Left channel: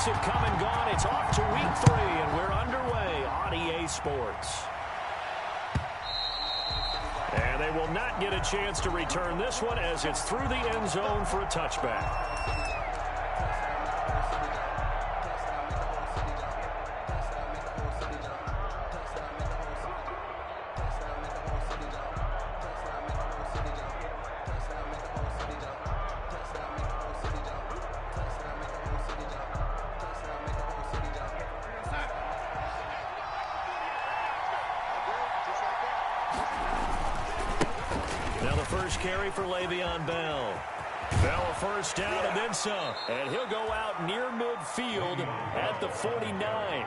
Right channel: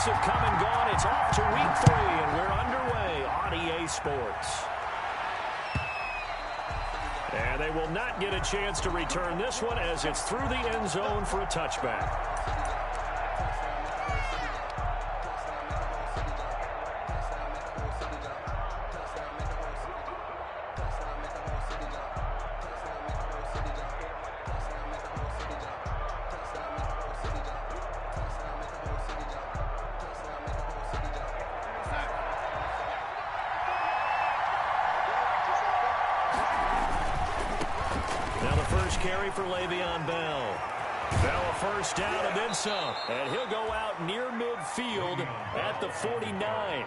points have come and gone. It's off to week 3, and we're underway on EA Sports. And they will not get a chance to return this one as it's through the end zone for a touchback. Carry for Le'Veon Bell. Bell a first down and then some. And he'll go out near midfield at the 49.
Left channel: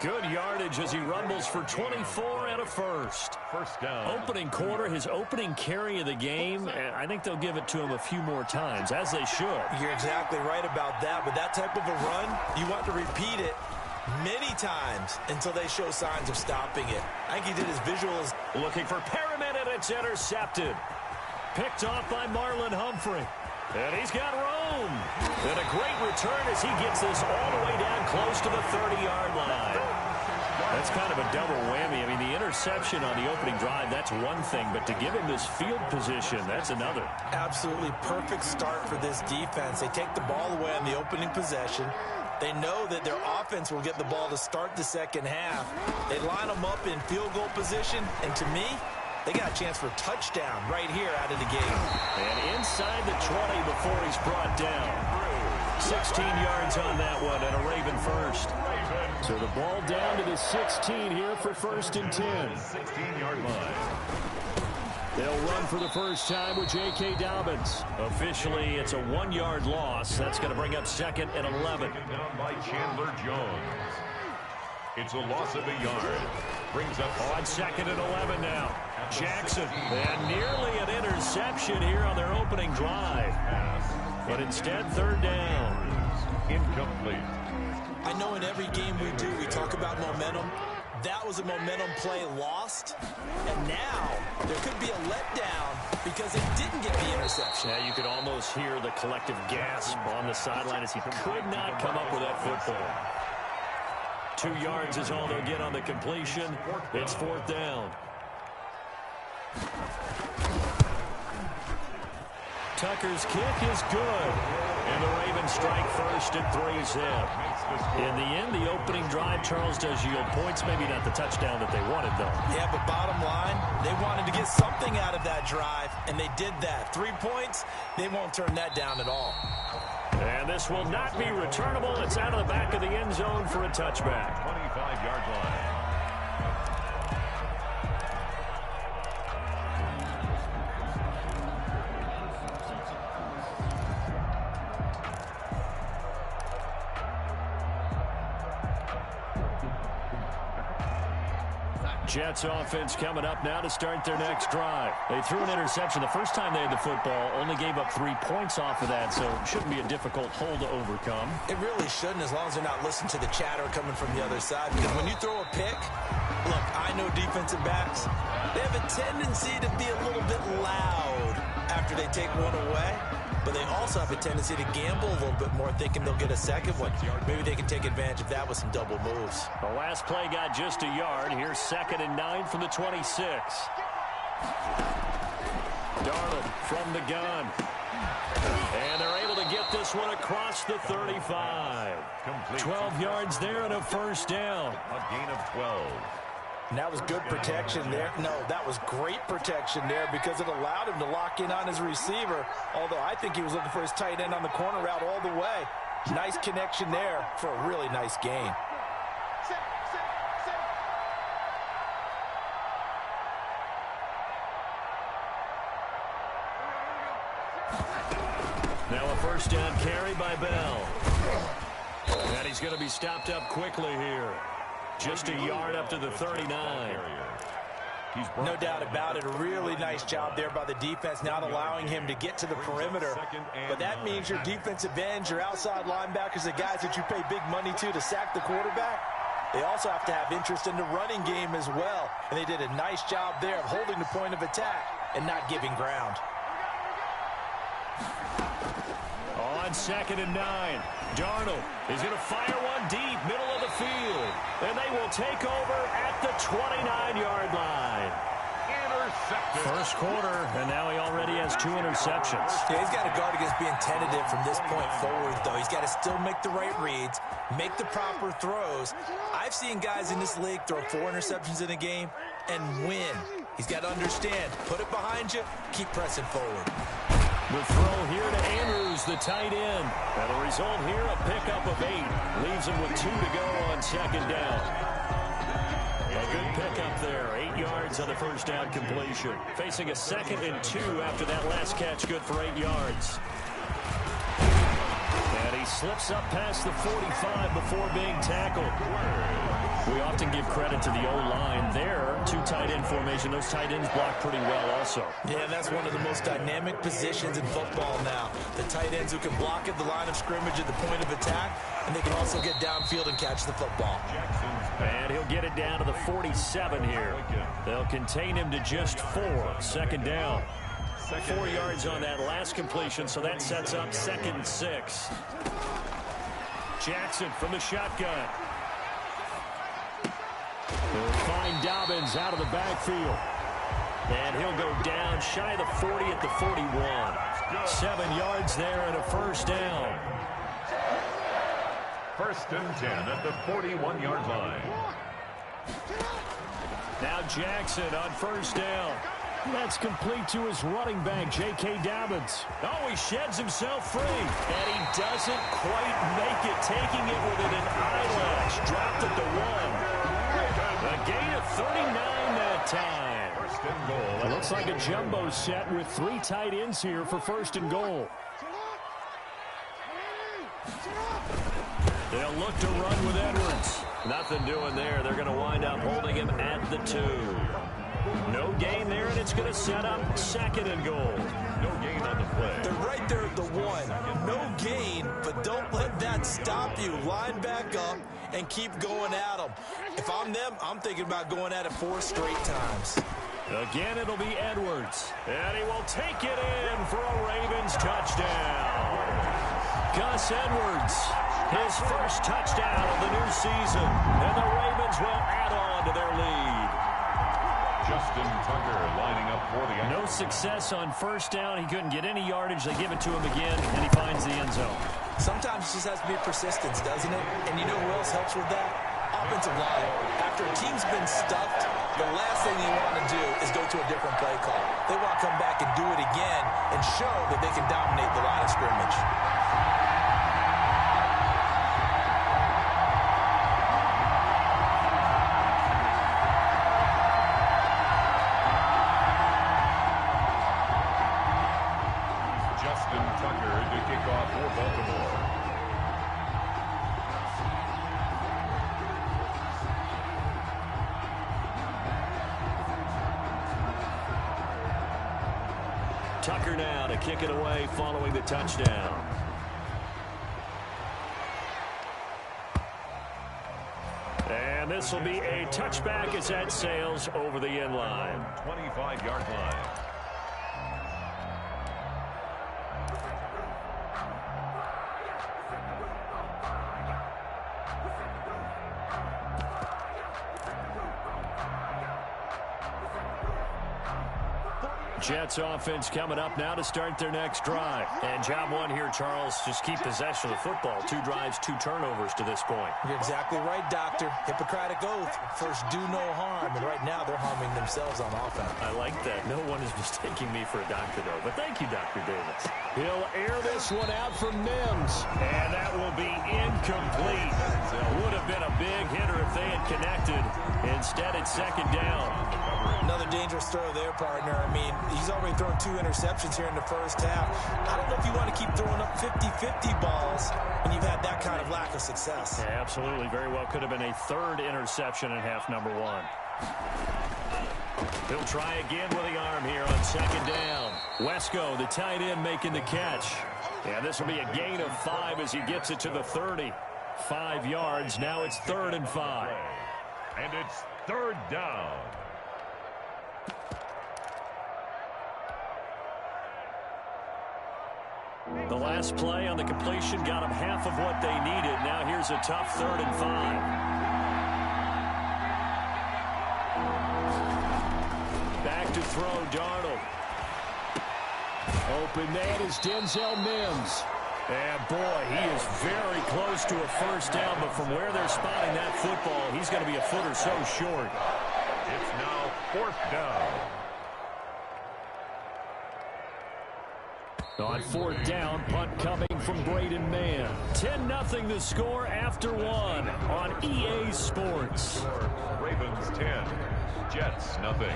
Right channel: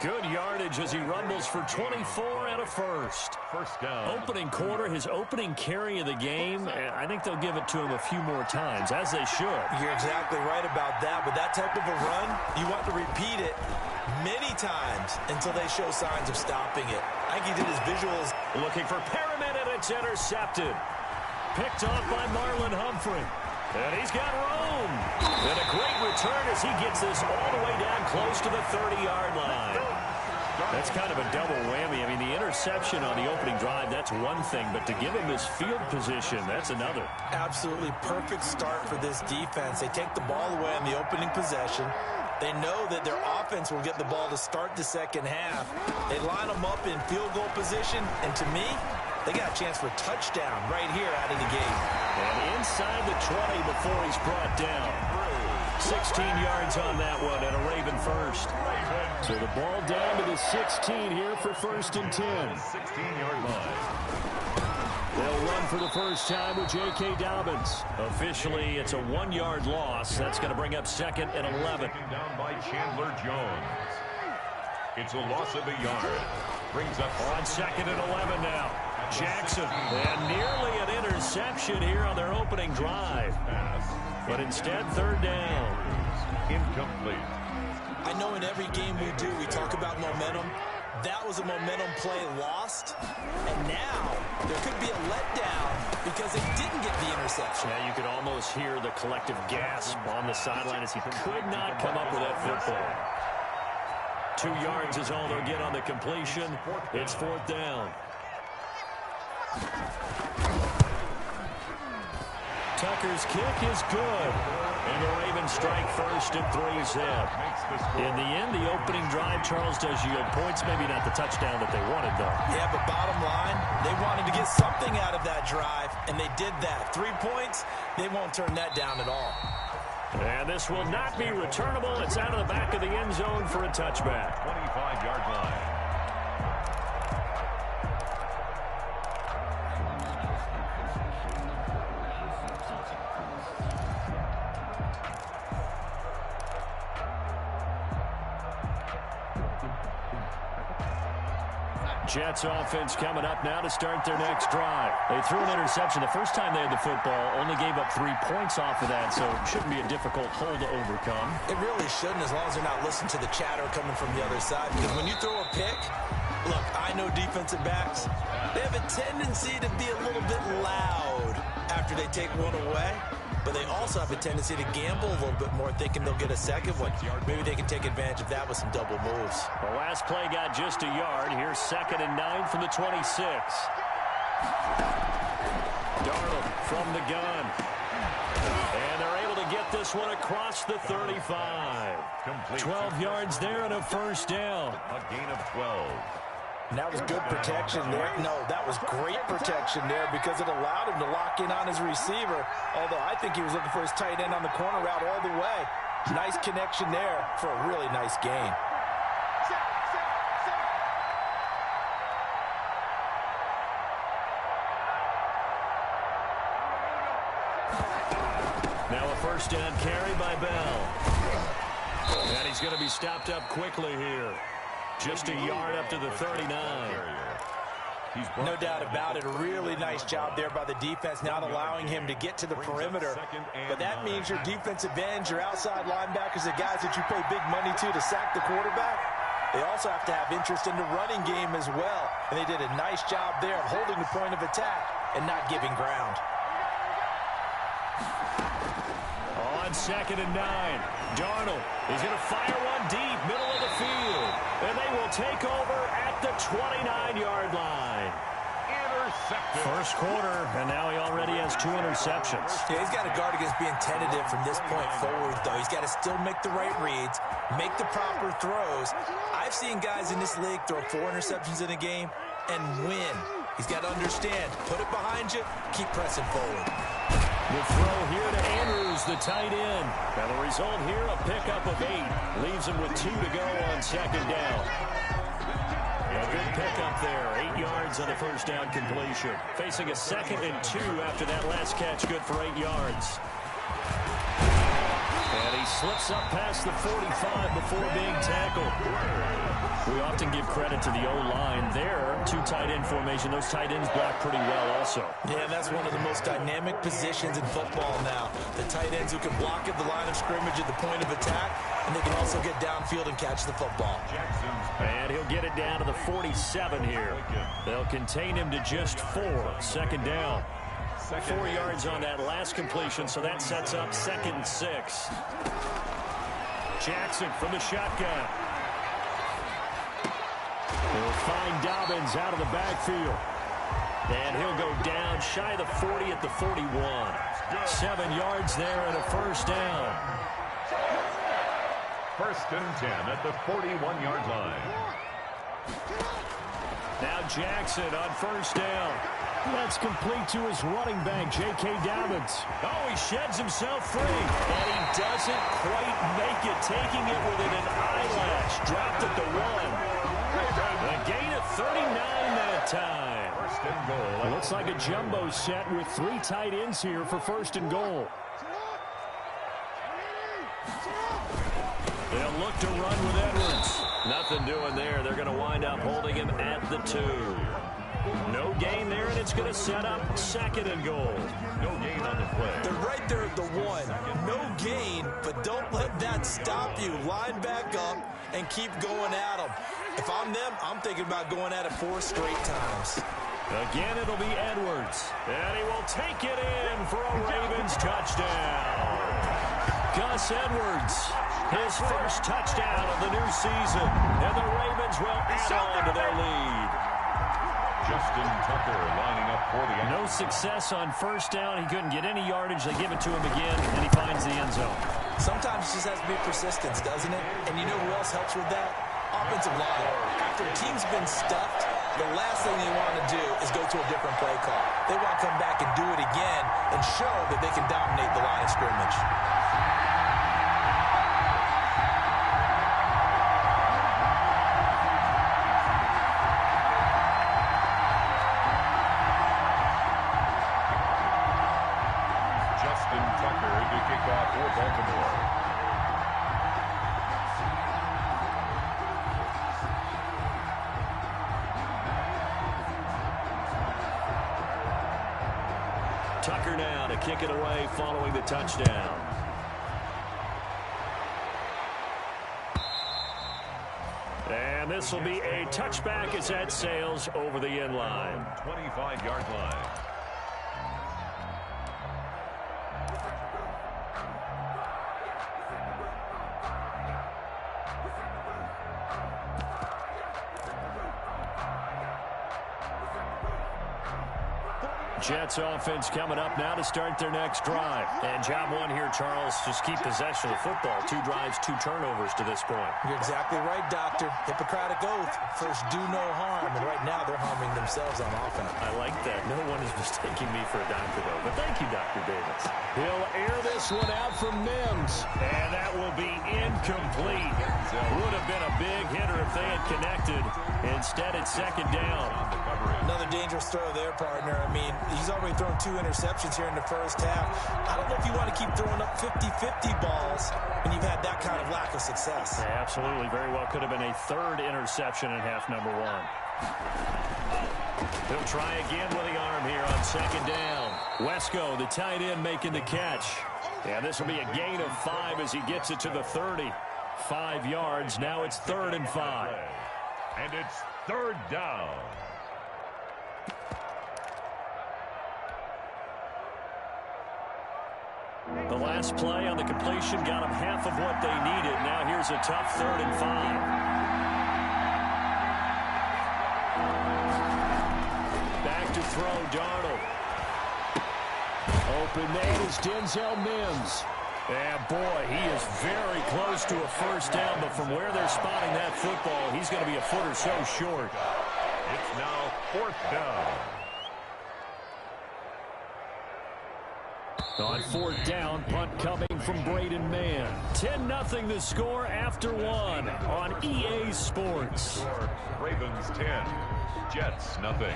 Good yardage as he rumbles for 24 and a first. First down. Opening quarter, his opening carry of the game. And I think they'll give it to him a few more times, as they should. You're exactly right about that. With that type of a run, you want to repeat it many times until they show signs of stopping it. I think he did his visuals. Looking for Perriman, and it's intercepted. Picked off by Marlon Humphrey. And he's got room. And a great return as he gets this all the way down close to the 30-yard line. That's kind of a double whammy. I mean, the interception on the opening drive, that's one thing. But to give him this field position, that's another. Absolutely perfect start for this defense. They take the ball away on the opening possession. They know that their offense will get the ball to start the second half. They line them up in field goal position. And to me, they got a chance for a touchdown right here out of the game. And inside the 20 before he's brought down. 16 yards on that one and a Raven first. So the ball down to the 16 here for first and 10. 16-yard line. They'll run for the first time with J.K. Dobbins. Officially, it's a 1-yard loss. That's going to bring up second and 11. Taken down by Chandler Jones. It's a loss of a yard. Brings up on second and 11 now. Jackson. And nearly an interception here on their opening drive. But instead, third down. Incomplete. I know in every game we do, we talk about momentum. That was a momentum play lost. And now there could be a letdown because it didn't get the interception. Yeah, you could almost hear the collective gasp on the sideline as he could not come up with that football. 2 yards is all they'll get on the completion. It's fourth down. Tucker's kick is good. And the Ravens strike first at 3-zip. In the end, the opening drive, Charles, does yield points. Maybe not the touchdown that they wanted, though. Yeah, but bottom line, they wanted to get something out of that drive, and they did that. 3 points, they won't turn that down at all. And this will not be returnable. It's out of the back of the end zone for a touchback. 25-yard line. Jets offense coming up now to start their next drive. They threw an interception the first time they had the football, only gave up 3 points off of that, so it shouldn't be a difficult hole to overcome. It really shouldn't, as long as they're not listening to the chatter coming from the other side. Because when you throw a pick, look, I know defensive backs, they have a tendency to be a little bit loud after they take one away. But they also have a tendency to gamble a little bit more, thinking they'll get a second one. Maybe they can take advantage of that with some double moves. The last play got just a yard. Here's second and 9 from the 26. Darnold from the gun. And they're able to get this one across the 35. 12 yards there and a first down. A gain of 12. And that was good protection there. No, that was great protection there because it allowed him to lock in on his receiver, although I think he was looking for his tight end on the corner route all the way. Nice connection there for a really nice gain. Now a first down carry by Bell. And he's going to be stopped up quickly here. Just a yard up to the 39. No doubt about it. A really nice job there by the defense, not allowing him to get to the perimeter. But that means your defensive ends, your outside linebackers, the guys that you pay big money to sack the quarterback, they also have to have interest in the running game as well. And they did a nice job there of holding the point of attack and not giving ground. On 2nd and 9, Darnold is going to fire one deep, middle of the field. And they will take over at the 29-yard line. Intercepted. First quarter, and now he already has 2 interceptions. Yeah, he's got to guard against being tentative from this point forward, though. He's got to still make the right reads, make the proper throws. I've seen guys in this league throw 4 interceptions in a game and win. He's got to understand, put it behind you, keep pressing forward. The throw here to Andrews, the tight end. And the result here, a pickup of 8. Leaves him with 2 to go on 2nd down. A good pickup there. 8 yards on the first down completion. Facing a 2nd and 2 after that last catch, good for 8 yards. And he slips up past the 45 before being tackled. We often give credit to the O-line there. 2 tight end formation. Those tight ends block pretty well also. Yeah, that's one of the most dynamic positions in football now. The tight ends who can block at the line of scrimmage at the point of attack, and they can also get downfield and catch the football. And he'll get it down to the 47 here. They'll contain him to just 4. 2nd down. 4 yards on that last completion, so that sets up 2nd and 6. Jackson from the shotgun. He'll find Dobbins out of the backfield. And he'll go down shy of the 40 at the 41. 7 yards there and a first down. 1st and 10 at the 41-yard line. Now Jackson on 1st down. That's complete to his running back, J.K. Dobbins. Oh, he sheds himself free. And he doesn't quite make it, taking it within an eyelash. Dropped at the 1. A gain of 39 that time. 1st and goal. It looks like a jumbo set with 3 tight ends here for 1st and goal. They'll look to run with Edwards. Nothing doing there. They're going to wind up holding him at the 2. No gain there, and it's going to set up 2nd and goal. No gain on the play. They're right there at the 1. No gain, but don't let that stop you. Line back up and keep going at them. If I'm them, I'm thinking about going at it 4 straight times. Again, it'll be Edwards. And he will take it in for a Ravens touchdown. Gus Edwards, his first touchdown of the new season. And the Ravens will add on to their lead. Justin Tucker lining up for the end. No success on 1st down. He couldn't get any yardage. They give it to him again, and he finds the end zone. Sometimes it just has to be persistence, doesn't it? And you know who else helps with that? Offensive line. After a team's been stuffed, the last thing they want to do is go to a different play call. They want to come back and do it again and show that they can dominate the line of scrimmage. Justin Tucker to kick off for Baltimore. Tucker now to kick it away following the touchdown. And this will be a touchback as that sails over the end line. 25-yard line. Jets offense coming up now to start their next drive. And job one here, Charles, just keep possession of the football. 2 drives, 2 turnovers to this point. You're exactly right, Doctor. Hippocratic oath. First, do no harm. And right now, they're harming themselves on offense. I like that. No one is mistaking me for a doctor, though. But thank you, Dr. Davis. He'll air this one out from Mims. And that will be incomplete. Would have been a big hitter if they had connected. Instead, it's 2nd down. Another dangerous throw there, partner. I mean, he's already thrown 2 interceptions here in the first half. I don't know if you want to keep throwing up 50-50 balls when you've had that kind of lack of success. Yeah, absolutely. Very well could have been a 3rd interception in half number 1. He'll try again with the arm here on 2nd down. Wesco, the tight end, making the catch. Yeah, this will be a gain of 5 as he gets it to the 30. 5 yards. Now it's 3rd and 5. And it's 3rd down. The last play on the completion got them half of what they needed. Now here's a tough 3rd and 5. Back to throw, Darnold. Open man is Denzel Mims. And boy, he is very close to a first down, but from where they're spotting that football, he's going to be a foot or so short. It's now 4th down. On 4th down, punt coming from Braden Mann. 10-0 the score after 1 on EA Sports. Ravens 10, Jets nothing.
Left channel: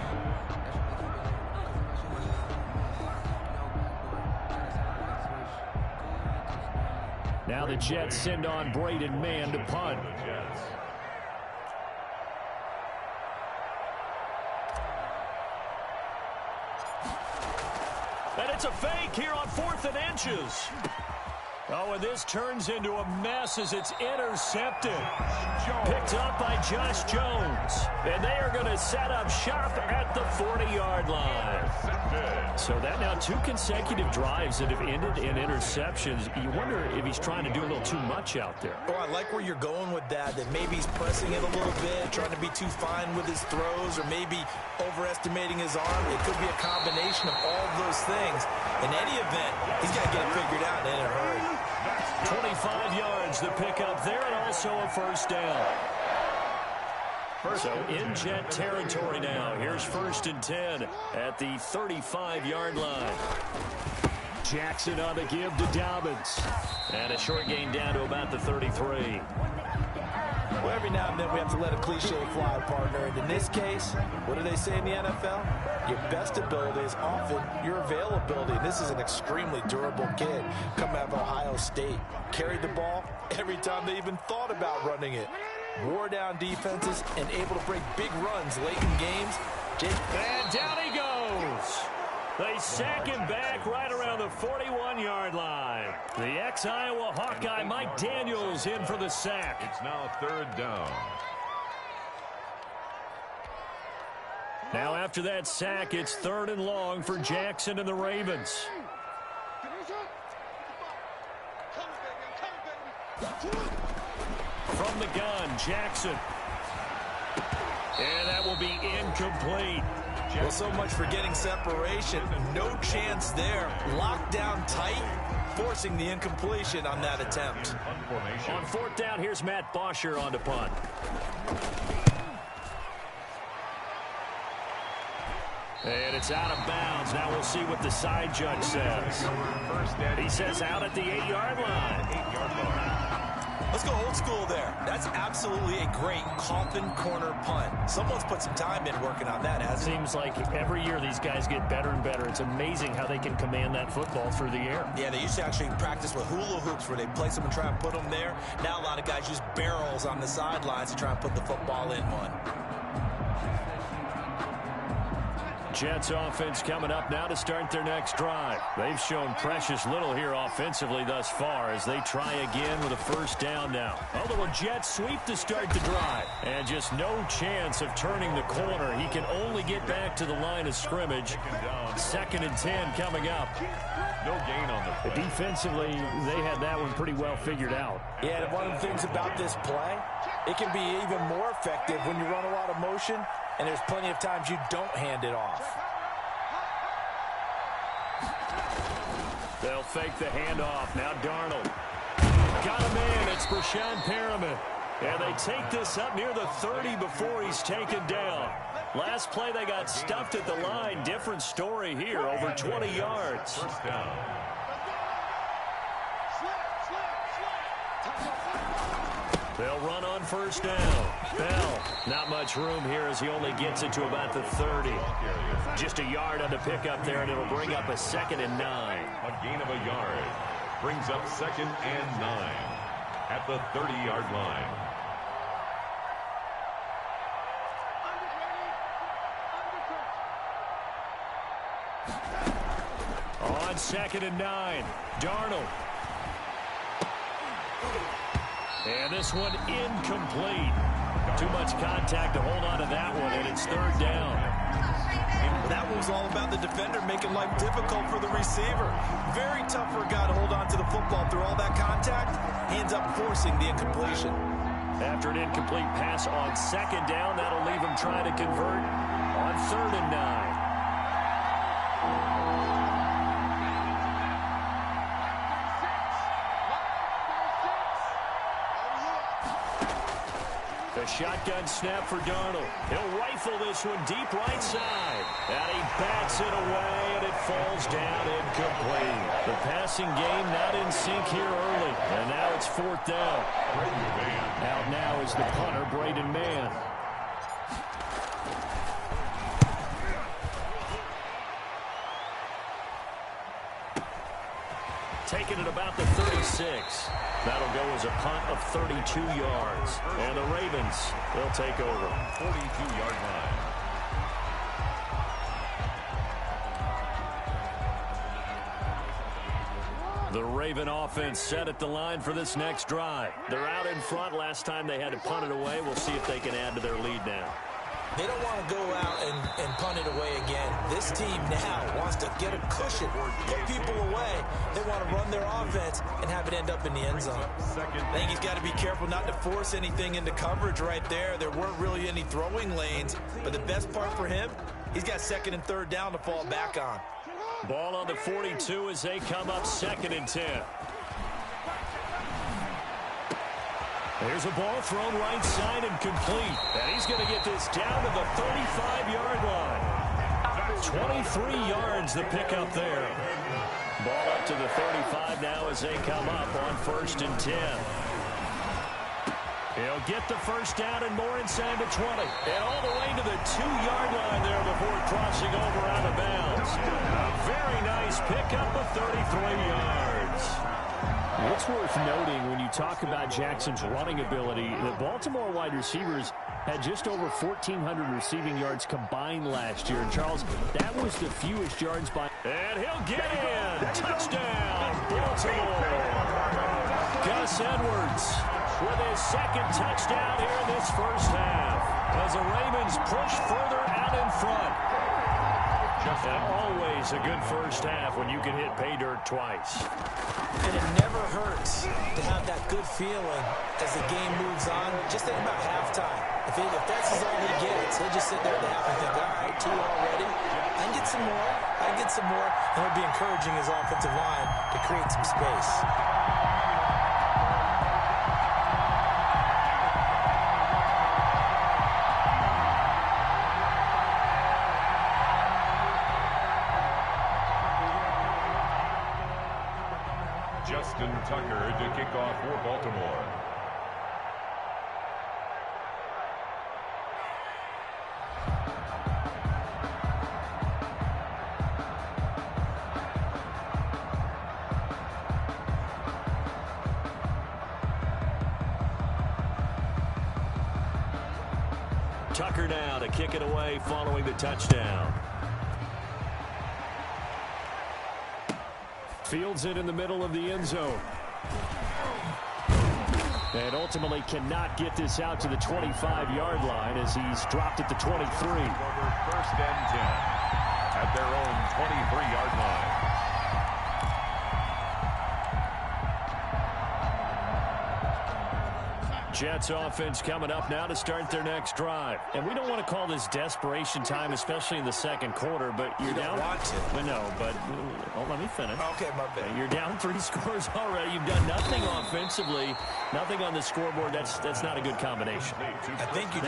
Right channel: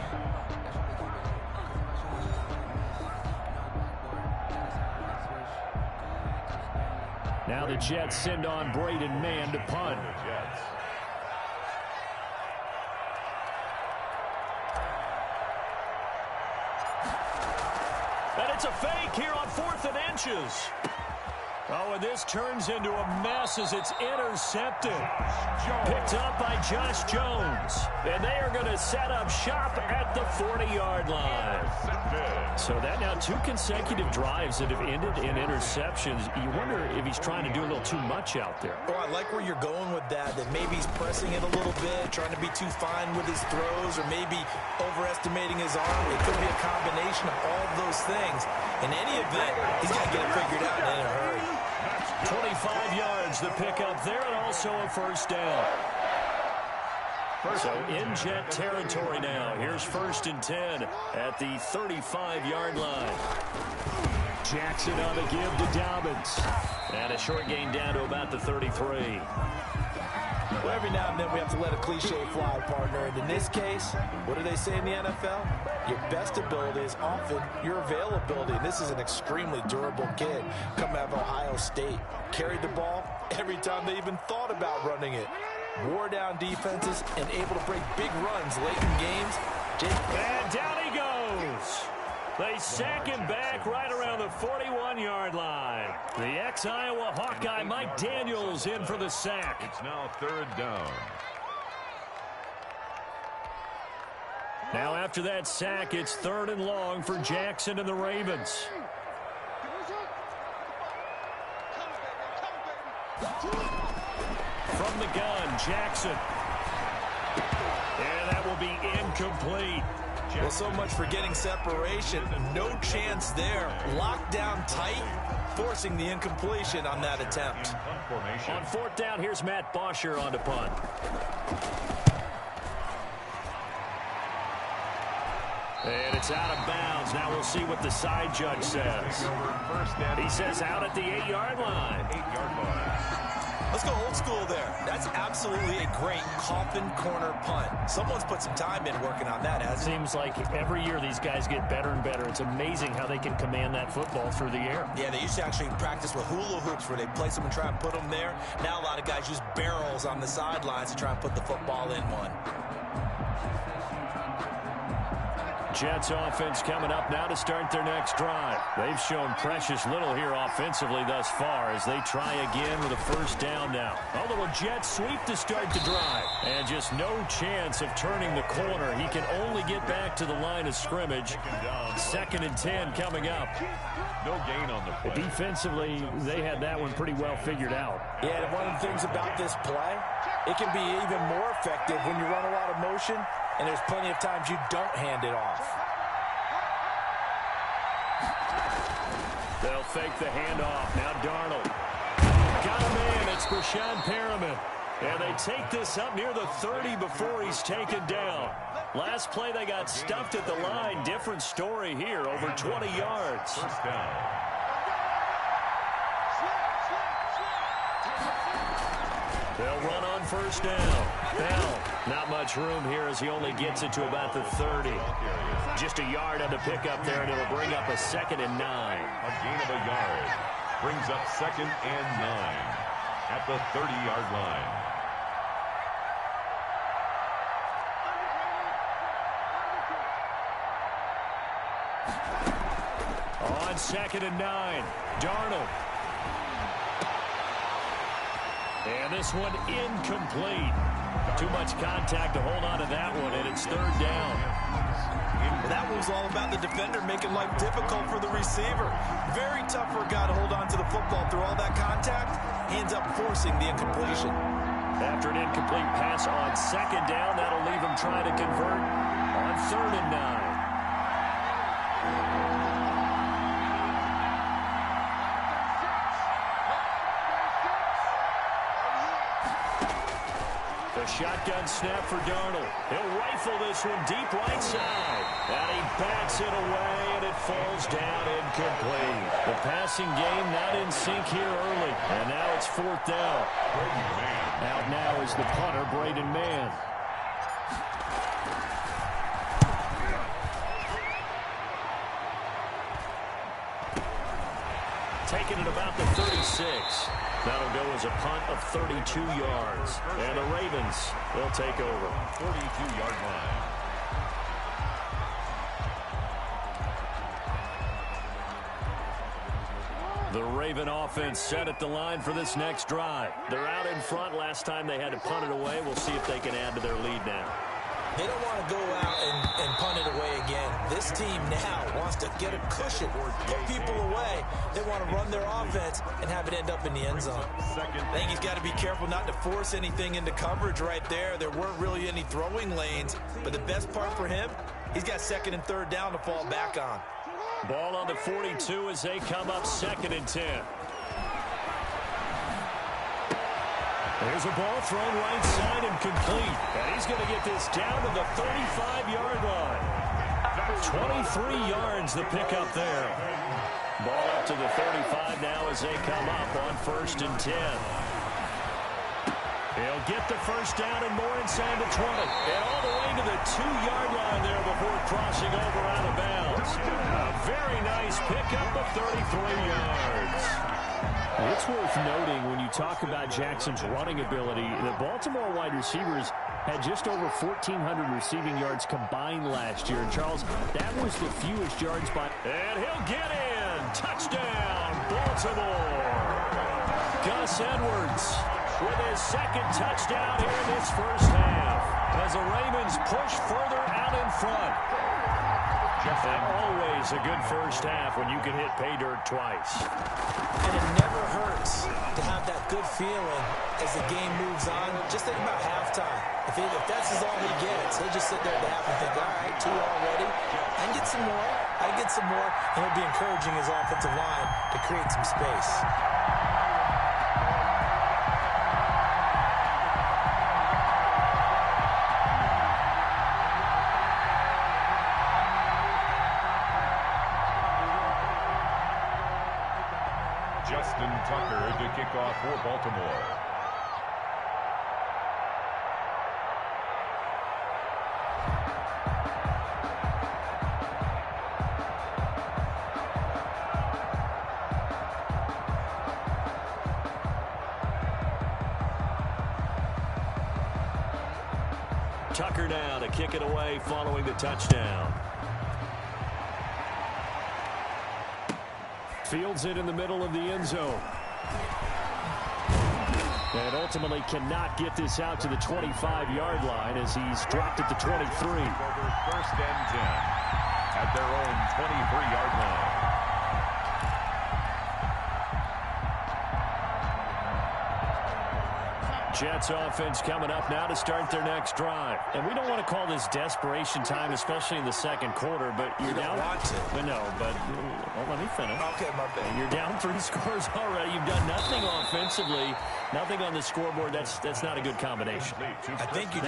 Now the Jets send on Braden Mann to punt. The Jets. And it's a fake here on 4th and inches. Oh, and this turns into a mess as it's intercepted. Picked up by Josh Jones. And they are going to set up shop at the 40-yard line. So that now 2 consecutive drives that have ended in interceptions. You wonder if he's trying to do a little too much out there. Oh, I like where you're going with that maybe he's pressing it a little bit, trying to be too fine with his throws, or maybe overestimating his arm. It could be a combination of all of those things. In any event, he's got to get it figured out in a hurry. 25 yards the pickup there, and also a first down. So in Jet territory now. Here's 1st and 10 at the 35-yard line. Jackson on the give to Dobbins. And a short gain down to about the 33. Well, every now and then we have to let a cliche fly, partner. And in this case, what do they say in the NFL? Your best ability is often your availability. And this is an extremely durable kid coming out of Ohio State. Carried the ball every time they even thought about running it. Wore down defenses and able to break big runs late in games. And down he goes. They sack him back right around the 41-yard line. The ex-Iowa Hawkeye Mike Daniels in for the sack. It's now 3rd down. Now after that sack, it's 3rd and long for Jackson and the Ravens. From the gun, Jackson. And that will be incomplete. Well, so much for getting separation. No chance there. Locked down tight, forcing the incompletion on that attempt. On 4th down, here's Matt Bosher on to punt. And it's out of bounds. Now we'll see what the side judge says. He says out at the 8-yard line. 8-yard line. Let's go old school there. That's absolutely a great coffin corner punt. Someone's put some time in working on that, hasn't it? Seems like every year these guys get better and better. It's amazing how they can command that football through the air. Yeah, they used to actually practice with hula hoops where they place them and try and put them there. Now a lot of guys use barrels on the sidelines to try and put the football in one. Jets offense coming up now to start their next drive. They've shown precious little here offensively thus far as they try again with a first down now. A little jet sweep to start the drive. And just no chance of turning the corner. He can only get back to the line of scrimmage. 2nd and 10 coming up. No gain on the play. Defensively, they had that one pretty well figured out. Yeah, and one of the things about this play, it can be even more effective when you run a lot of motion. And there's plenty of times you don't hand it off. They'll fake the handoff. Now Darnold. Got a man. It's Brashad Perriman. And they take this up near the 30 before he's taken down. Last play they got stuffed at the line. Different story here. Over 20 yards. First down. They'll run on first down. Bell, not much room here as he only gets it to about the 30. Just a yard on the pickup there, and it'll bring up a 2nd and 9. A gain of a yard. Brings up 2nd and 9 at the 30-yard line. On 2nd and 9, Darnold. And this one incomplete. Too much contact to hold on to that one, and it's third down. Well, that was all about the defender making life difficult for the receiver. Very tough for a guy to hold on to the football through all that contact. He ends up forcing the incompletion. After an incomplete pass on second down, that'll leave him trying to convert on 3rd and 9. The shotgun snap for Darnold. He'll rifle this one deep right side. And he bats it away, and it falls down incomplete. The passing game not in sync here early. And now it's 4th down. Out now is the punter, Braden Mann. Taking it about the 36. That'll go as a punt of 32 yards. And the Ravens, they'll take over. 42-yard line. The Raven offense set at the line for this next drive. They're out in front. Last time they had to punt it away. We'll see if they can add to their lead now. They don't want to go out and punt it away again. This team now wants to get a cushion, put people away. They want to run their offense and have it end up in the end zone. I think he's got to be careful not to force anything into coverage right there. There weren't really any throwing lanes, but the best part for him, he's got 2nd and 3rd down to fall back on. Ball on the 42 as they come up 2nd and 10. There's a ball thrown right side and complete. And he's going to get this down to the 35-yard line. 23 yards the pickup there. Ball up to the 35 now as they come up on 1st and 10. He'll get the first down and more inside the 20. And all the way to the 2-yard line there before crossing over out of bounds. A very nice pickup of 33 yards. It's worth noting when you talk about Jackson's running ability, the Baltimore wide receivers had just over 1,400 receiving yards combined last year. And, Charles, that was the fewest yards by... And he'll get in. Touchdown, Baltimore. Gus Edwards with his 2nd touchdown here in this first half. As the Ravens push further out in front. And always a good first half when you can hit pay dirt twice. And it never hurts to have that good feeling as the game moves on. Just think about halftime. If that's all he gets, he'll just sit there at the half and think, all right, 2 already. I can get some more. I can get some more. And he'll be encouraging his offensive line to create some space. Justin Tucker to kick off for Baltimore. Tucker now to kick it away following the touchdown. Fields it in the middle of the end zone. And ultimately cannot get this out to the 25-yard line as he's dropped at the 23. Over 1st and 10 at their own 23-yard line. Jets offense coming up now to start their next drive. And we don't want to call this desperation time, especially in the 2nd quarter, but you're down. Want to. But no, but let me finish. Okay, my bad. You're down 3 scores already. You've done nothing offensively, nothing on the scoreboard. That's not a good combination. I think you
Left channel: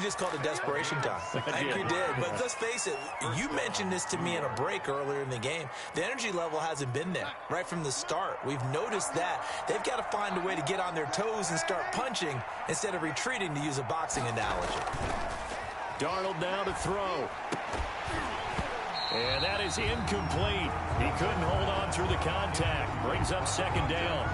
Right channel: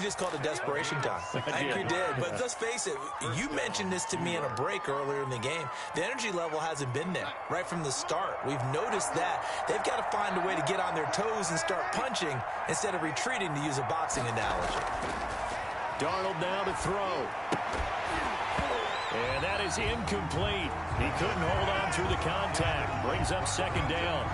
just called it desperation time. I think you did. But let's face it, you mentioned this to me in a break earlier in the game. The energy level hasn't been there right from the start. We've noticed that. They've got to find a way to get on their toes and start punching instead of retreating, to use a boxing analogy. Darnold now to throw. And that is incomplete. He couldn't hold on through the contact. Brings up 2nd down.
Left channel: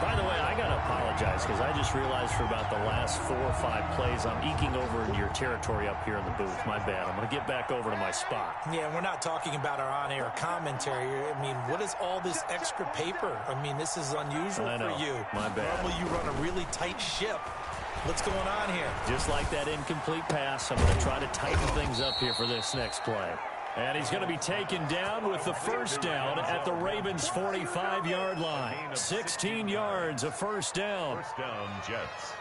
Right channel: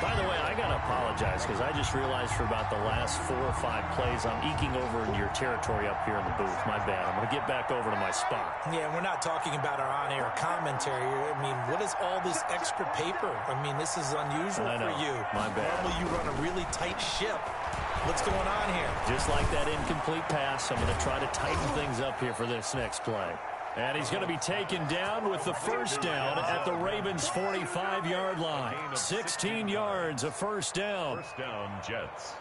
By the way, I got to apologize because I just realized for about the last 4 or 5 plays, I'm eking over into your territory up here in the booth. My bad. I'm going to get back over to my spot. Yeah, we're not talking about our on-air commentary. I mean, what is all this extra paper? I mean, this is unusual for you. My bad. Normally you run a really tight ship. What's going on here? Just like that incomplete pass, I'm going to try to tighten things up here for this next play. And he's going to be taken down with the first down at the Ravens' 45-yard line. 16 yards, a first down. First down, Jets.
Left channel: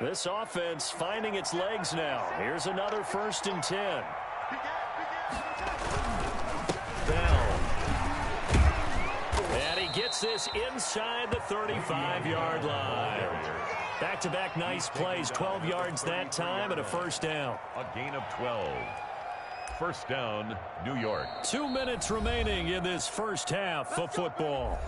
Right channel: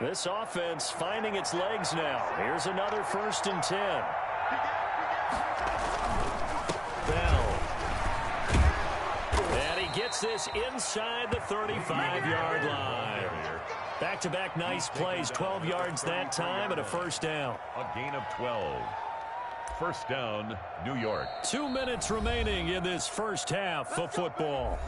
This offense finding its legs now. Here's another 1st and 10. Bell. And he gets this inside the 35-yard line. Back-to-back nice plays, 12 yards that time and a first down. A gain of 12. First down, New York. 2 minutes remaining in this first half of football.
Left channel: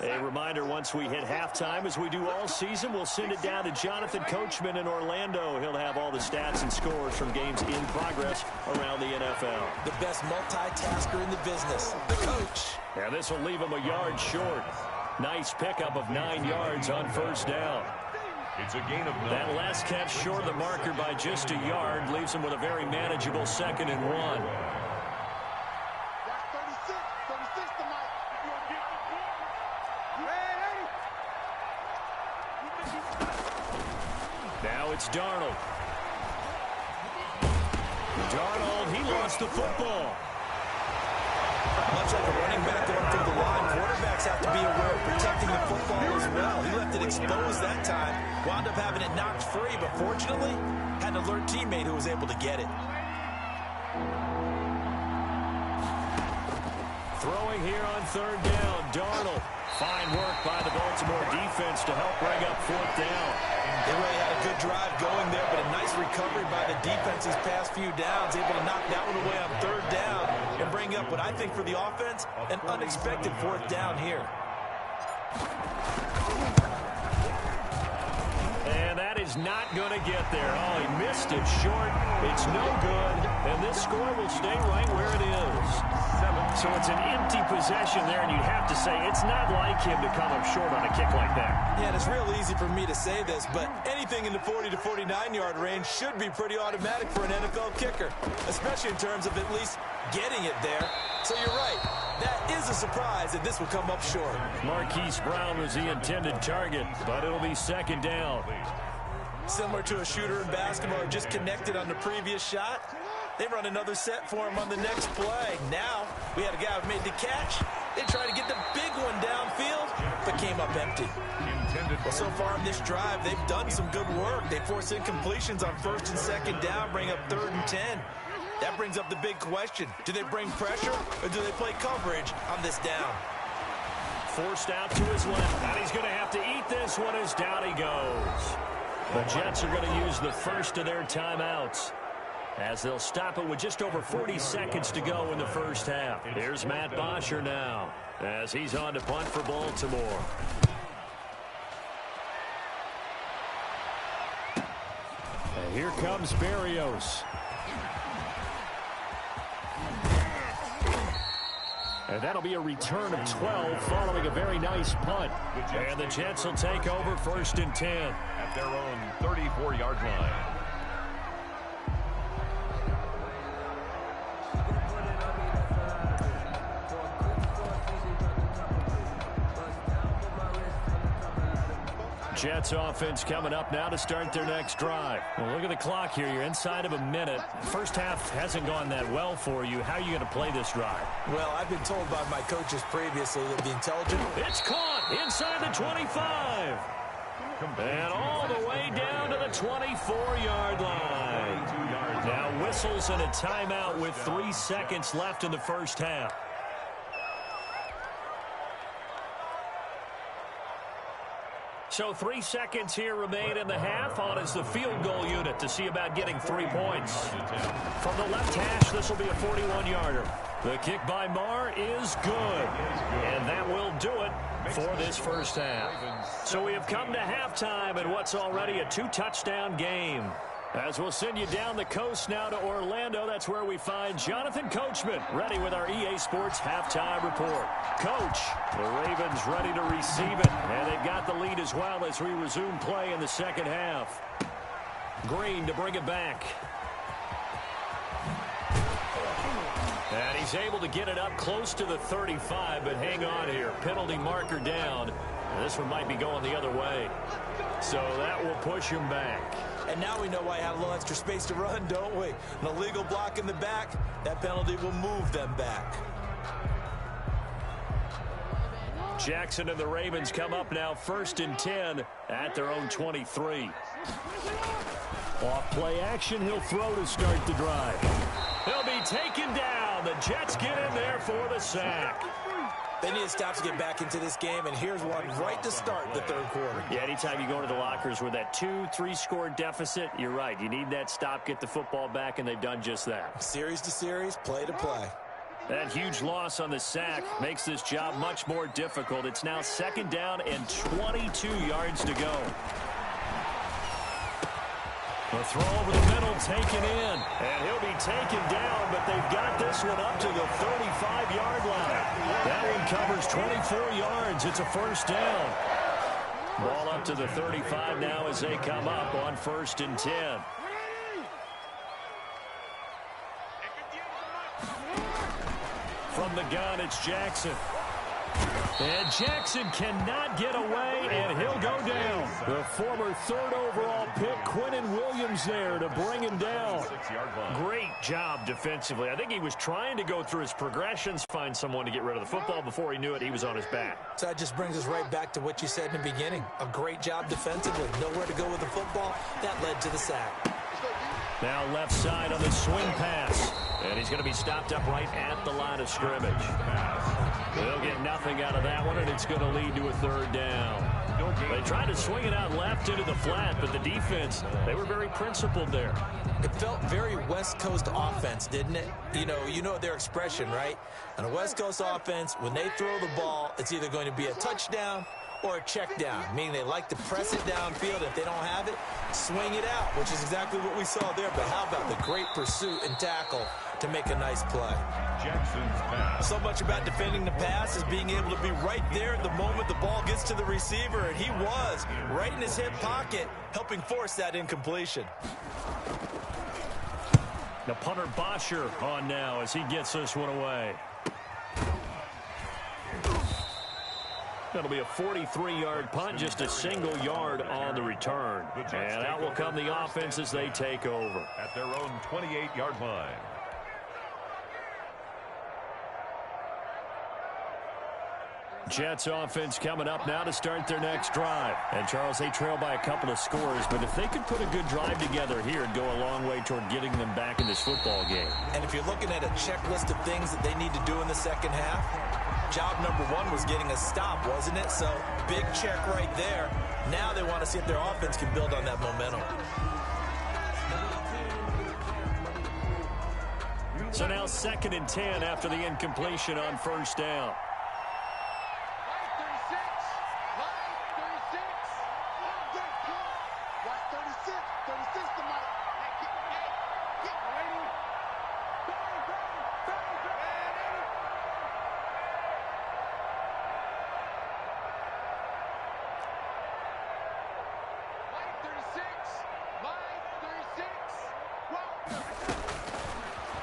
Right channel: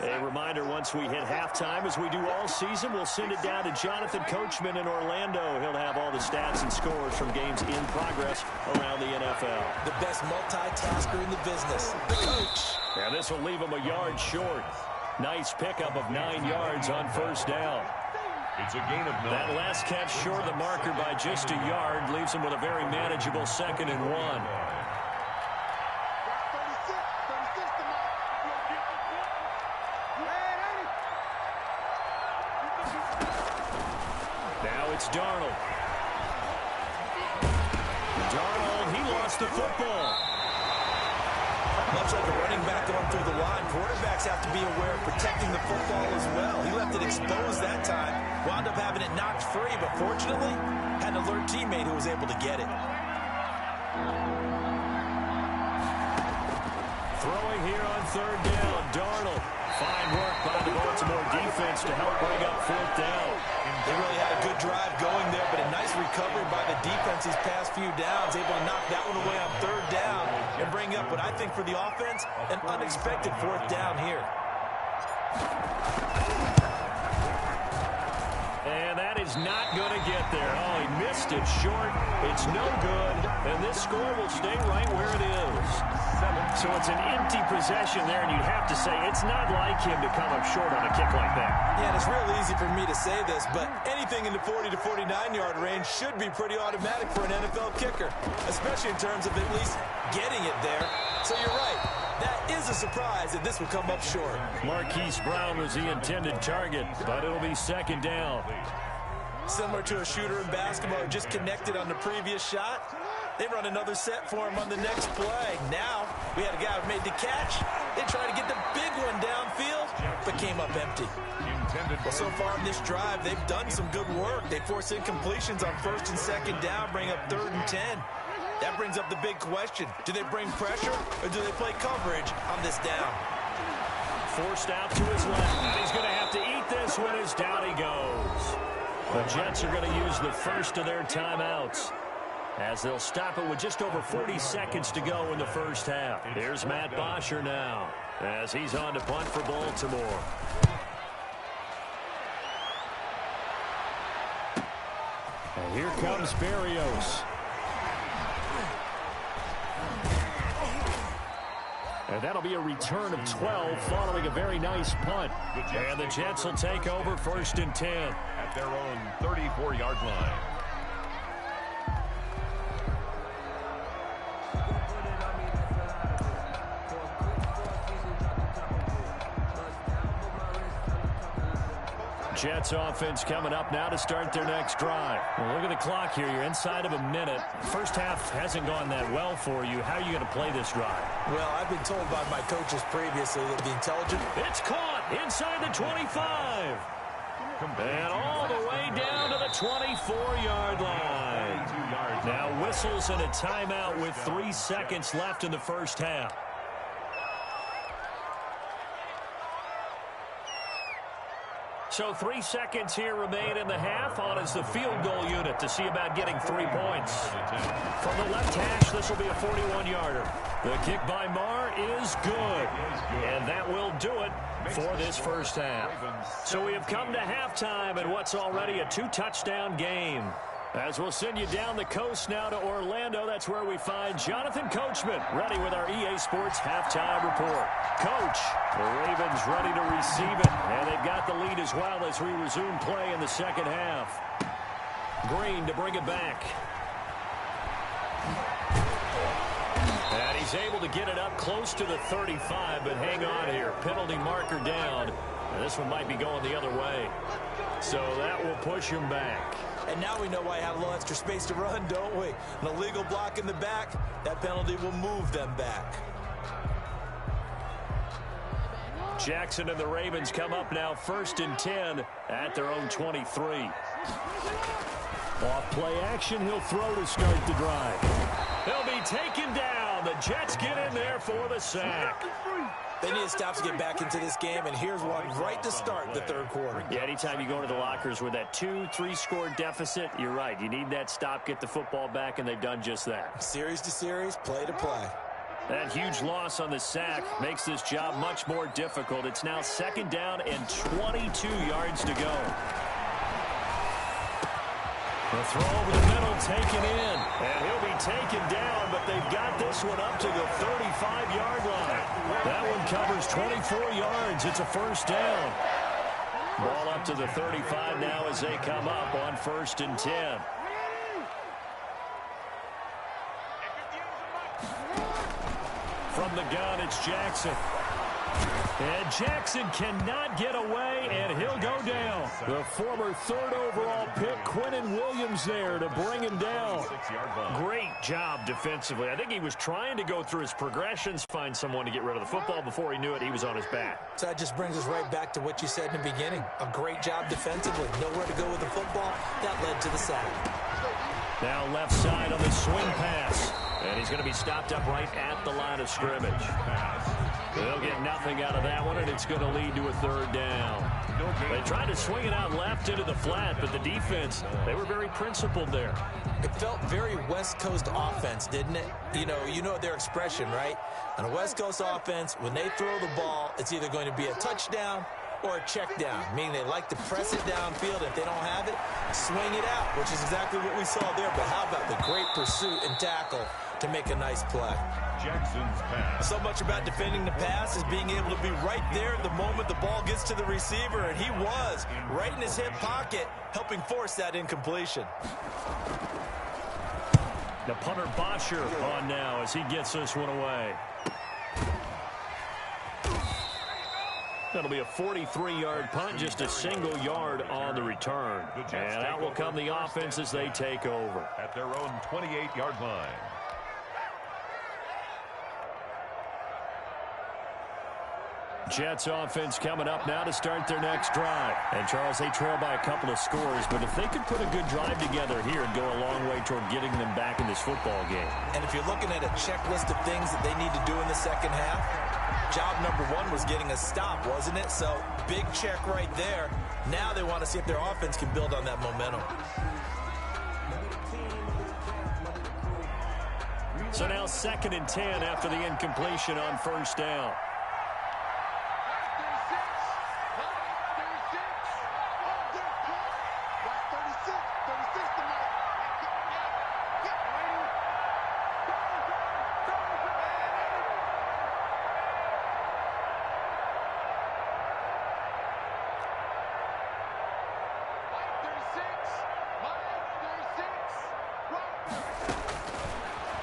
A reminder, once we hit halftime, as we do all season, we'll send it down to Jonathan Coachman in Orlando. He'll have all the stats and scores from games in progress around the NFL. The best multitasker in the business, the coach. And this will leave him a yard short. Nice pickup of 9 yards on first down. It's a gain of 9. That last catch short of the marker by just a yard leaves him with a very manageable 2nd and 1. Now it's Darnold. Darnold, he lost the football. Much like a running back going through the line, quarterbacks have to be aware of protecting the football as well. He left it exposed that time, wound up having it knocked free, but fortunately, had an alert teammate who was able to get it. Throwing here on 3rd down, Darnold. Fine work by the Baltimore defense to help bring up 4th down. They really had a good drive going there, but a nice recovery by the defense these past few downs, able to knock that one away on 3rd down and bring up what I think for the offense, an unexpected 4th down here. And that is not going to get there. Oh, he missed it short. It's no good, and this score will stay right where it is. So it's an empty possession there, and you'd have to say it's not like him to come up short on a kick like that. Yeah, and it's real easy for me to say this, but anything in the 40 to 49-yard range should be pretty automatic for an NFL kicker, especially in terms of at least getting it there. So you're right. That is a surprise that this will come up short. Marquise Brown was the intended target, but it'll be 2nd down. Similar to a shooter in basketball who just connected on the previous shot. They run another set for him on the next play. Now, we had a guy who made the catch. They tried to get the big one downfield, but came up empty. Well, so far in this drive, they've done some good work. They force incompletions on 1st and 2nd down, bring up 3rd and 10. That brings up the big question. Do they bring pressure, or do they play coverage on this down? Forced out to his left, and he's going to have to eat this one as down he goes. The Jets are going to use the first of their timeouts, as they'll stop it with just over 40 seconds to go in the first half. Here's Matt Bosher now, as he's on to punt for Baltimore. And here comes Berrios. And that'll be a return of 12 following a very nice punt. And the Jets will take over 1st and 10. At their own 34-yard line. Jets offense coming up now to start their next drive. Well, look at the clock here. You're inside of a minute. First half hasn't gone that well for you. How are you going to play this drive? Well, I've been told by my coaches previously that the intelligent... It's caught inside the 25. And all the way down to the 24-yard line. Now whistles and a timeout with 3 seconds left in the first half. So 3 seconds here remain in the half. On is the field goal unit to see about getting 3 points. From the left hash, this will be a 41-yarder. The kick by Marr is good. And that will do it for this first half. So we have come to halftime in what's already a 2-touchdown game. As we'll send you down the coast now to Orlando, that's where we find Jonathan Coachman, ready with our EA Sports halftime report. Coach, the Ravens ready to receive it, and they've got the lead as well as we resume play in the second half. Green to bring it back. And he's able to get it up close to the 35, but hang on here. Penalty marker down, and this one might be going the other way. So that will push him back. And now we know why I had a little extra space to run, don't we? An illegal block in the back, that penalty will move them back. Jackson and the Ravens come up now 1st and 10 at their own 23. Off play action, he'll throw to start the drive. He'll be taken down. The Jets get in there for the sack. They need to stop to get back into this game, and here's one right to start the third quarter. Yeah, anytime you go to the lockers with that 2-3 score deficit, you're right. You need that stop, get the football back, and they've done just that. Series to series, play to play. That huge loss on the sack makes this job much more difficult. It's now 2nd down and 22 yards to go. The throw over the middle taken in, and he'll be taken down, but they've got this one up to the 35-yard line. That one covers 24 yards. It's a 1st down. Ball up to the 35 now as they come up on 1st and 10. From the gun, it's Jackson. And Jackson cannot get away, and he'll go down. The former 3rd overall pick, Quinnen Williams, there to bring him down. Great job defensively. I think he was trying to go through his progressions, find someone to get rid of the football. Before he knew it, he was on his back. So that just brings us right back to what you said in the beginning. A great job defensively. Nowhere to go with the football. That led to the sack. Now left side on the swing pass. And he's going to be stopped up right at the line of scrimmage. They'll get nothing out of that one, and it's going to lead to a 3rd down. They tried to swing it out left into the flat, but the defense, they were very principled there. It felt very West Coast offense, didn't it? You know their expression, right? On a West Coast offense, when they throw the ball, it's either going to be a touchdown or a check down, meaning they like to press it downfield. If they don't have it, swing it out, which is exactly what we saw there. But how about the great pursuit and tackle to make a nice play? Jackson's pass. So much about defending the pass is being able to be right there at the moment the ball gets to the receiver, and he was right in his hip pocket, helping force that incompletion. The punter Bosher on now as he gets this one away. That'll be a 43-yard punt, just a single yard on the return. And out will come the offense as they take over. At their own 28-yard line. Jets offense coming up now to start their next drive. And, Charles, they trail by a couple of scores, but if they could put a good drive together here, it'd go a long way toward getting them back in this football game. And if you're looking at a checklist of things that they need to do in the second half, job number 1 was getting a stop, wasn't it? So, big check right there. Now they want to see if their offense can build on that momentum. So now 2nd and 10 after the incompletion on 1st down.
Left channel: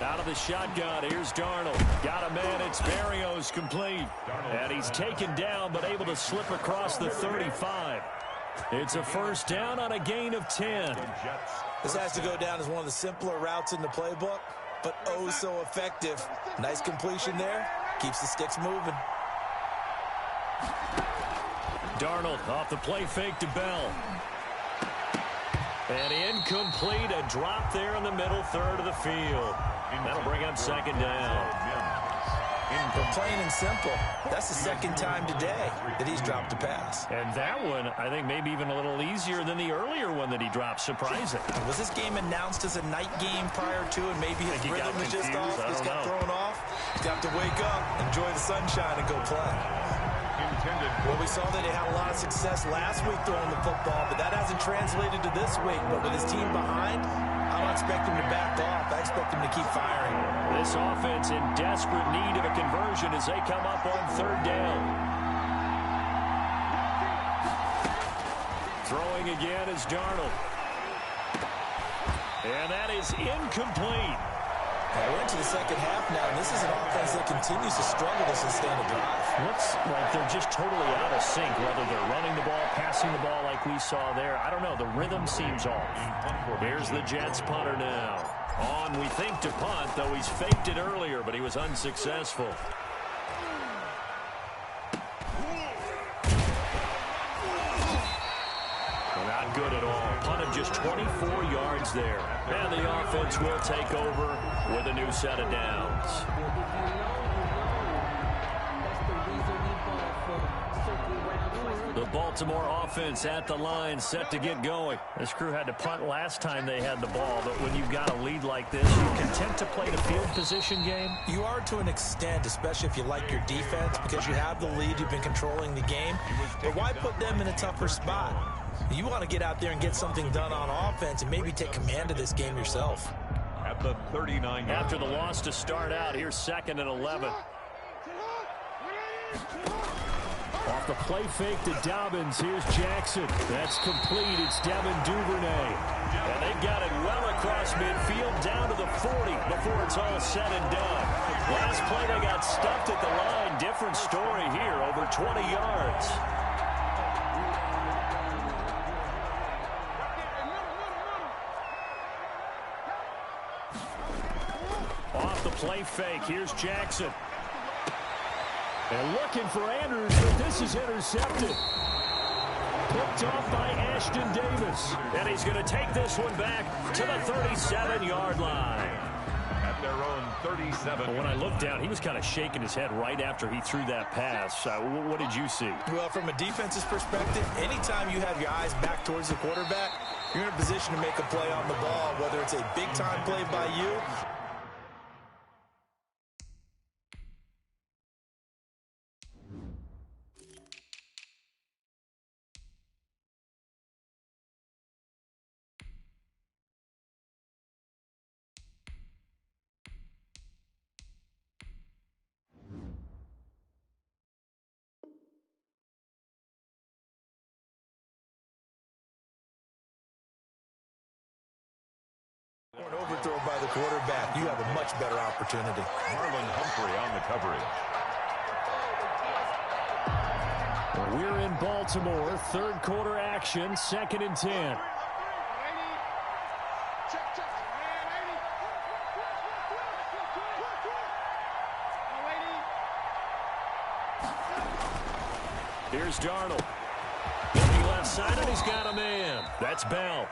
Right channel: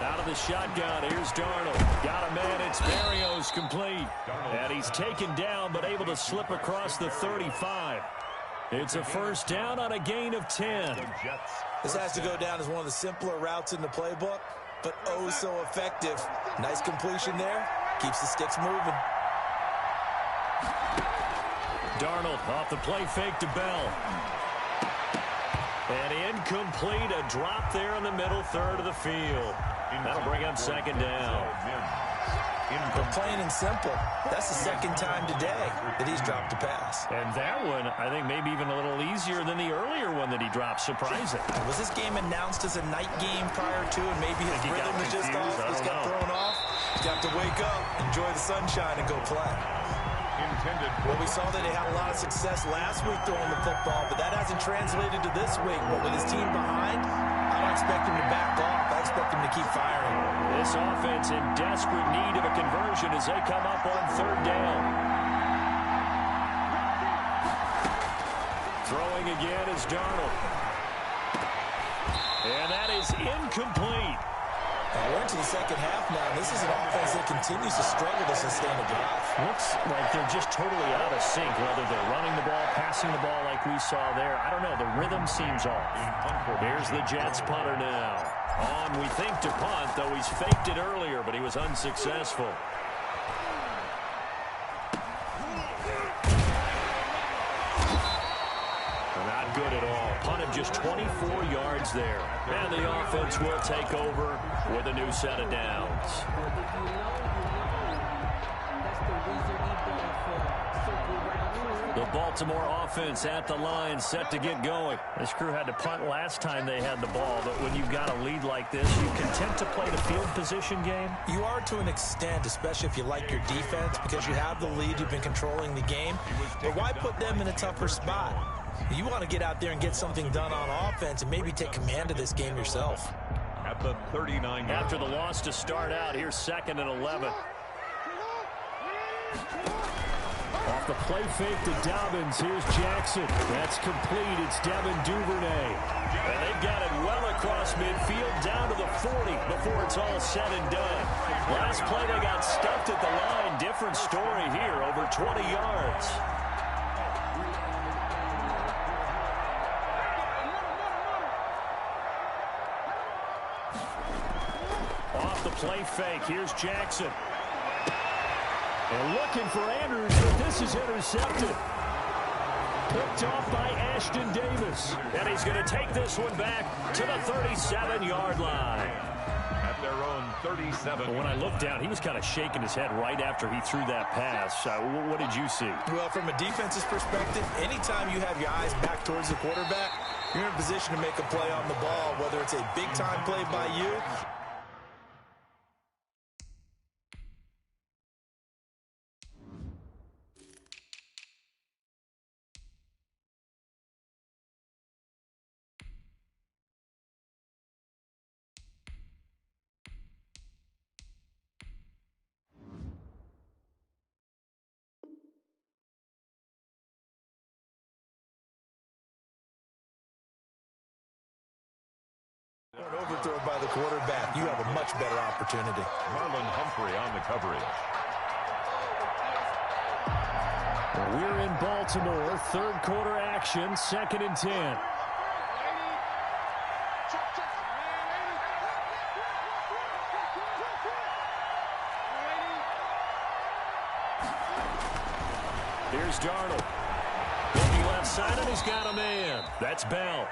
Out of the shotgun, here's Darnold. Got a man, it's Berrios complete. And he's taken down, but able to slip across the 35. It's a 1st down on a gain of 10. This has to go down as one of the simpler routes in the playbook, but oh so effective. Nice completion there. Keeps the sticks moving. Darnold off the play fake to Bell. And incomplete, a drop there in the middle third of the field. That'll bring up 2nd down. But plain and simple, that's the 2nd time today that he's dropped a pass. And that one, I think, maybe even a little easier than the earlier one that he dropped. Surprising. Was this game announced as a night game prior to, and maybe his rhythm is just off? Just got thrown off. He's got to wake up, enjoy the sunshine, and go play. intended. Well, we saw that they had a lot of success last week throwing the football, but that hasn't translated to this week. But with his team behind, I don't expect him to back off. I expect him to keep firing. This offense in desperate need of a conversion as they come up on third down. Throwing again is Darnold. And that is incomplete. And we're into the second half now, and this is an offense that continues to struggle to sustain a drive. Looks like they're just totally out of sync, whether they're running the ball, passing the ball like we saw there. I don't know. The rhythm seems off. Here's the Jets punter now. On, we think, to punt, though he's faked it earlier, but he was unsuccessful. Not good at all. Punted just 24 yards there. And the offense will take over with a new set of downs. The Baltimore offense at the line, set to get going. This crew had to punt last time they had the ball, but when you've got a lead like this, you content to play the field position game? You are to an extent, especially if you like your defense, because you have the lead, you've been controlling the game. But why put them in a tougher spot? You want to get out there and get something done on offense and maybe take command of this game yourself. At the 39. After the loss to start out, here's 2nd and 11. Off the play fake to Dobbins. Here's Jackson. That's complete. It's Devin Duvernay. And they've got it well across midfield down to the 40 before it's all said and done. Last play, they got stuffed at the line. Different story here, over 20 yards. Off the play fake, here's Jackson. And looking for Andrews, but this is intercepted. Picked off by Ashton Davis. And he's going to take this one back to the 37-yard line. At their own 37. When I looked down, he was kind of shaking his head right after he threw that pass. What did you see? Well, from a defense's perspective, anytime you have your eyes back towards the quarterback, you're in a position to make a play on the ball, whether it's a big-time play by you. Or an overthrow by the quarterback, you have a much better opportunity. Marlon Humphrey on the coverage. We're in Baltimore, third quarter action, 2nd and 10. Here's Darnold. Looking left side, and he's got a man. That's Bell.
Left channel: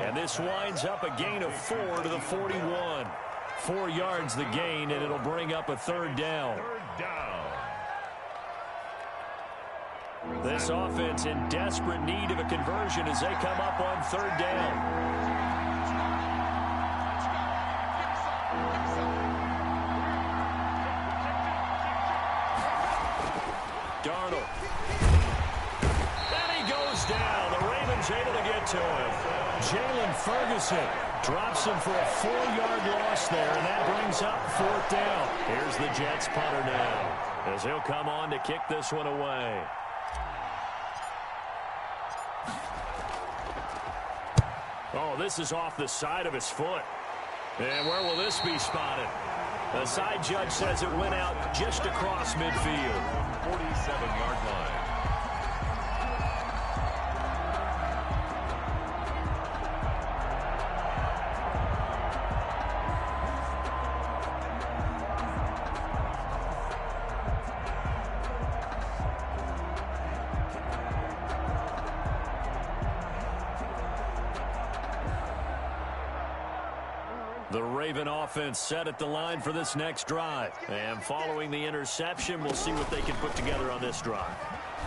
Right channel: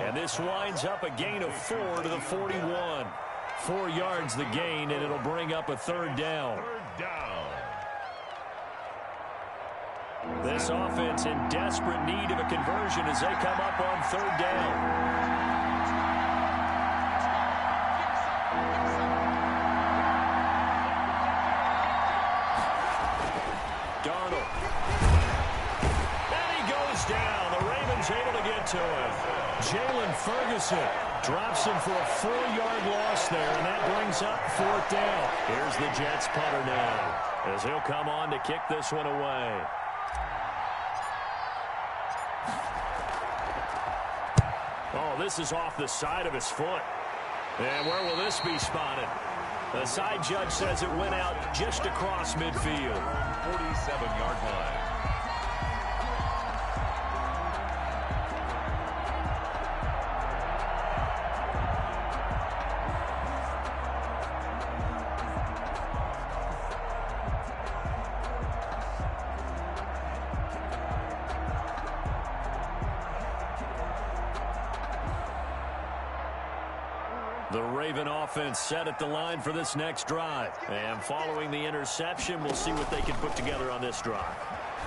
And this winds up a gain of 4 to the 41. 4 yards the gain, and it'll bring up a third down. This offense in desperate need of a conversion as they come up on third down. Darnold. And he goes down. The Ravens able to get to him. Jalen Ferguson drops him for a 4-yard loss there, and that brings up 4th down. Here's the Jets punter now as he'll come on to kick this one away. Oh, this is off the side of his foot. And where will this be spotted? The side judge says it went out just across midfield. 47-yard line. The Raven offense set at the line for this next drive. And following the interception, we'll see what they can put together on this drive.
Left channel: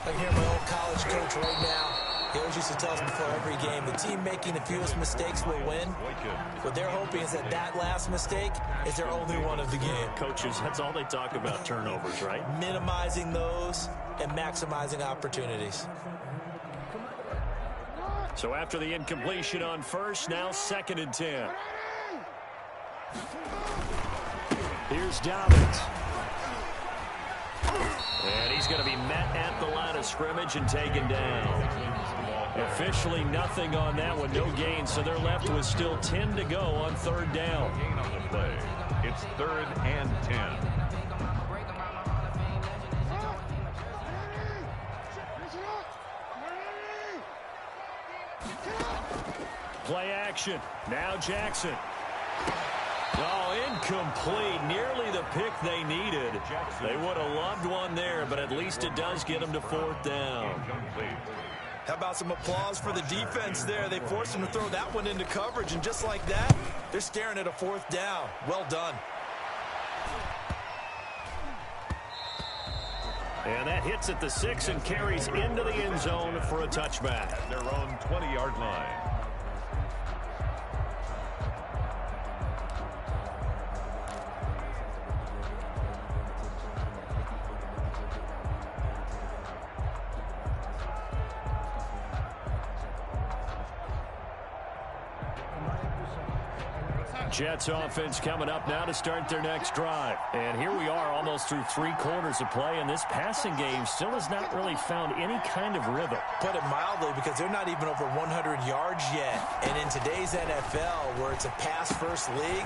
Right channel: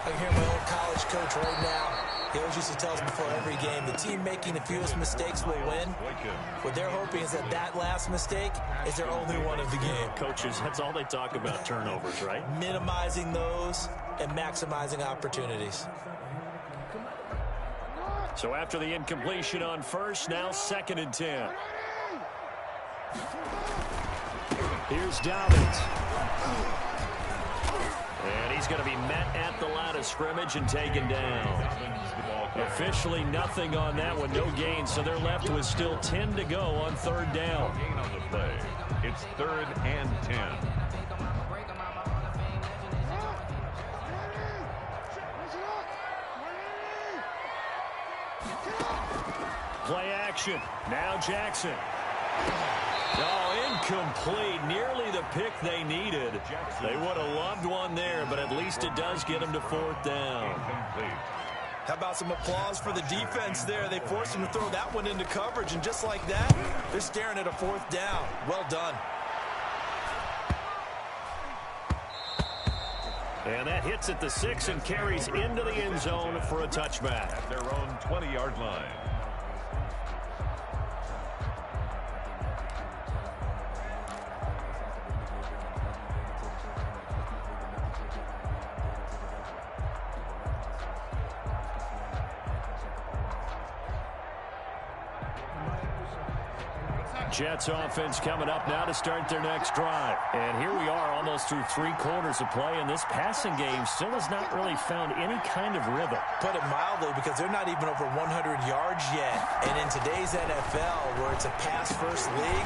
I can hear my old college coach right now. He always used to tell us before every game, the team making the fewest mistakes will win. What they're hoping is that that last mistake is their only one of the game. Coaches, that's all they talk about, turnovers, right? Minimizing those and maximizing opportunities. So after the incompletion on first, now 2nd and 10. Here's Dobbins. And he's going to be met at the line of scrimmage and taken down. Officially nothing on that one, no gain, so they're left with still 10 to go on 3rd down. Gain on the play. It's 3rd and 10. Play action. Now Jackson. Oh, incomplete. Nearly the pick they needed. They would have loved one there, but at least it does get them to 4th down. Incomplete. How about some applause for the defense there? They forced him to throw that one into coverage, and just like that, they're staring at a 4th down. Well done. And that hits at the 6 and carries into the end zone for a touchback. At their own 20-yard line. Jets offense coming up now to start their next drive. And here we are almost through 3 quarters of play, and this passing game still has not really found any kind of rhythm. Put it mildly, because they're not even over 100 yards yet. And in today's NFL, where it's a pass-first league,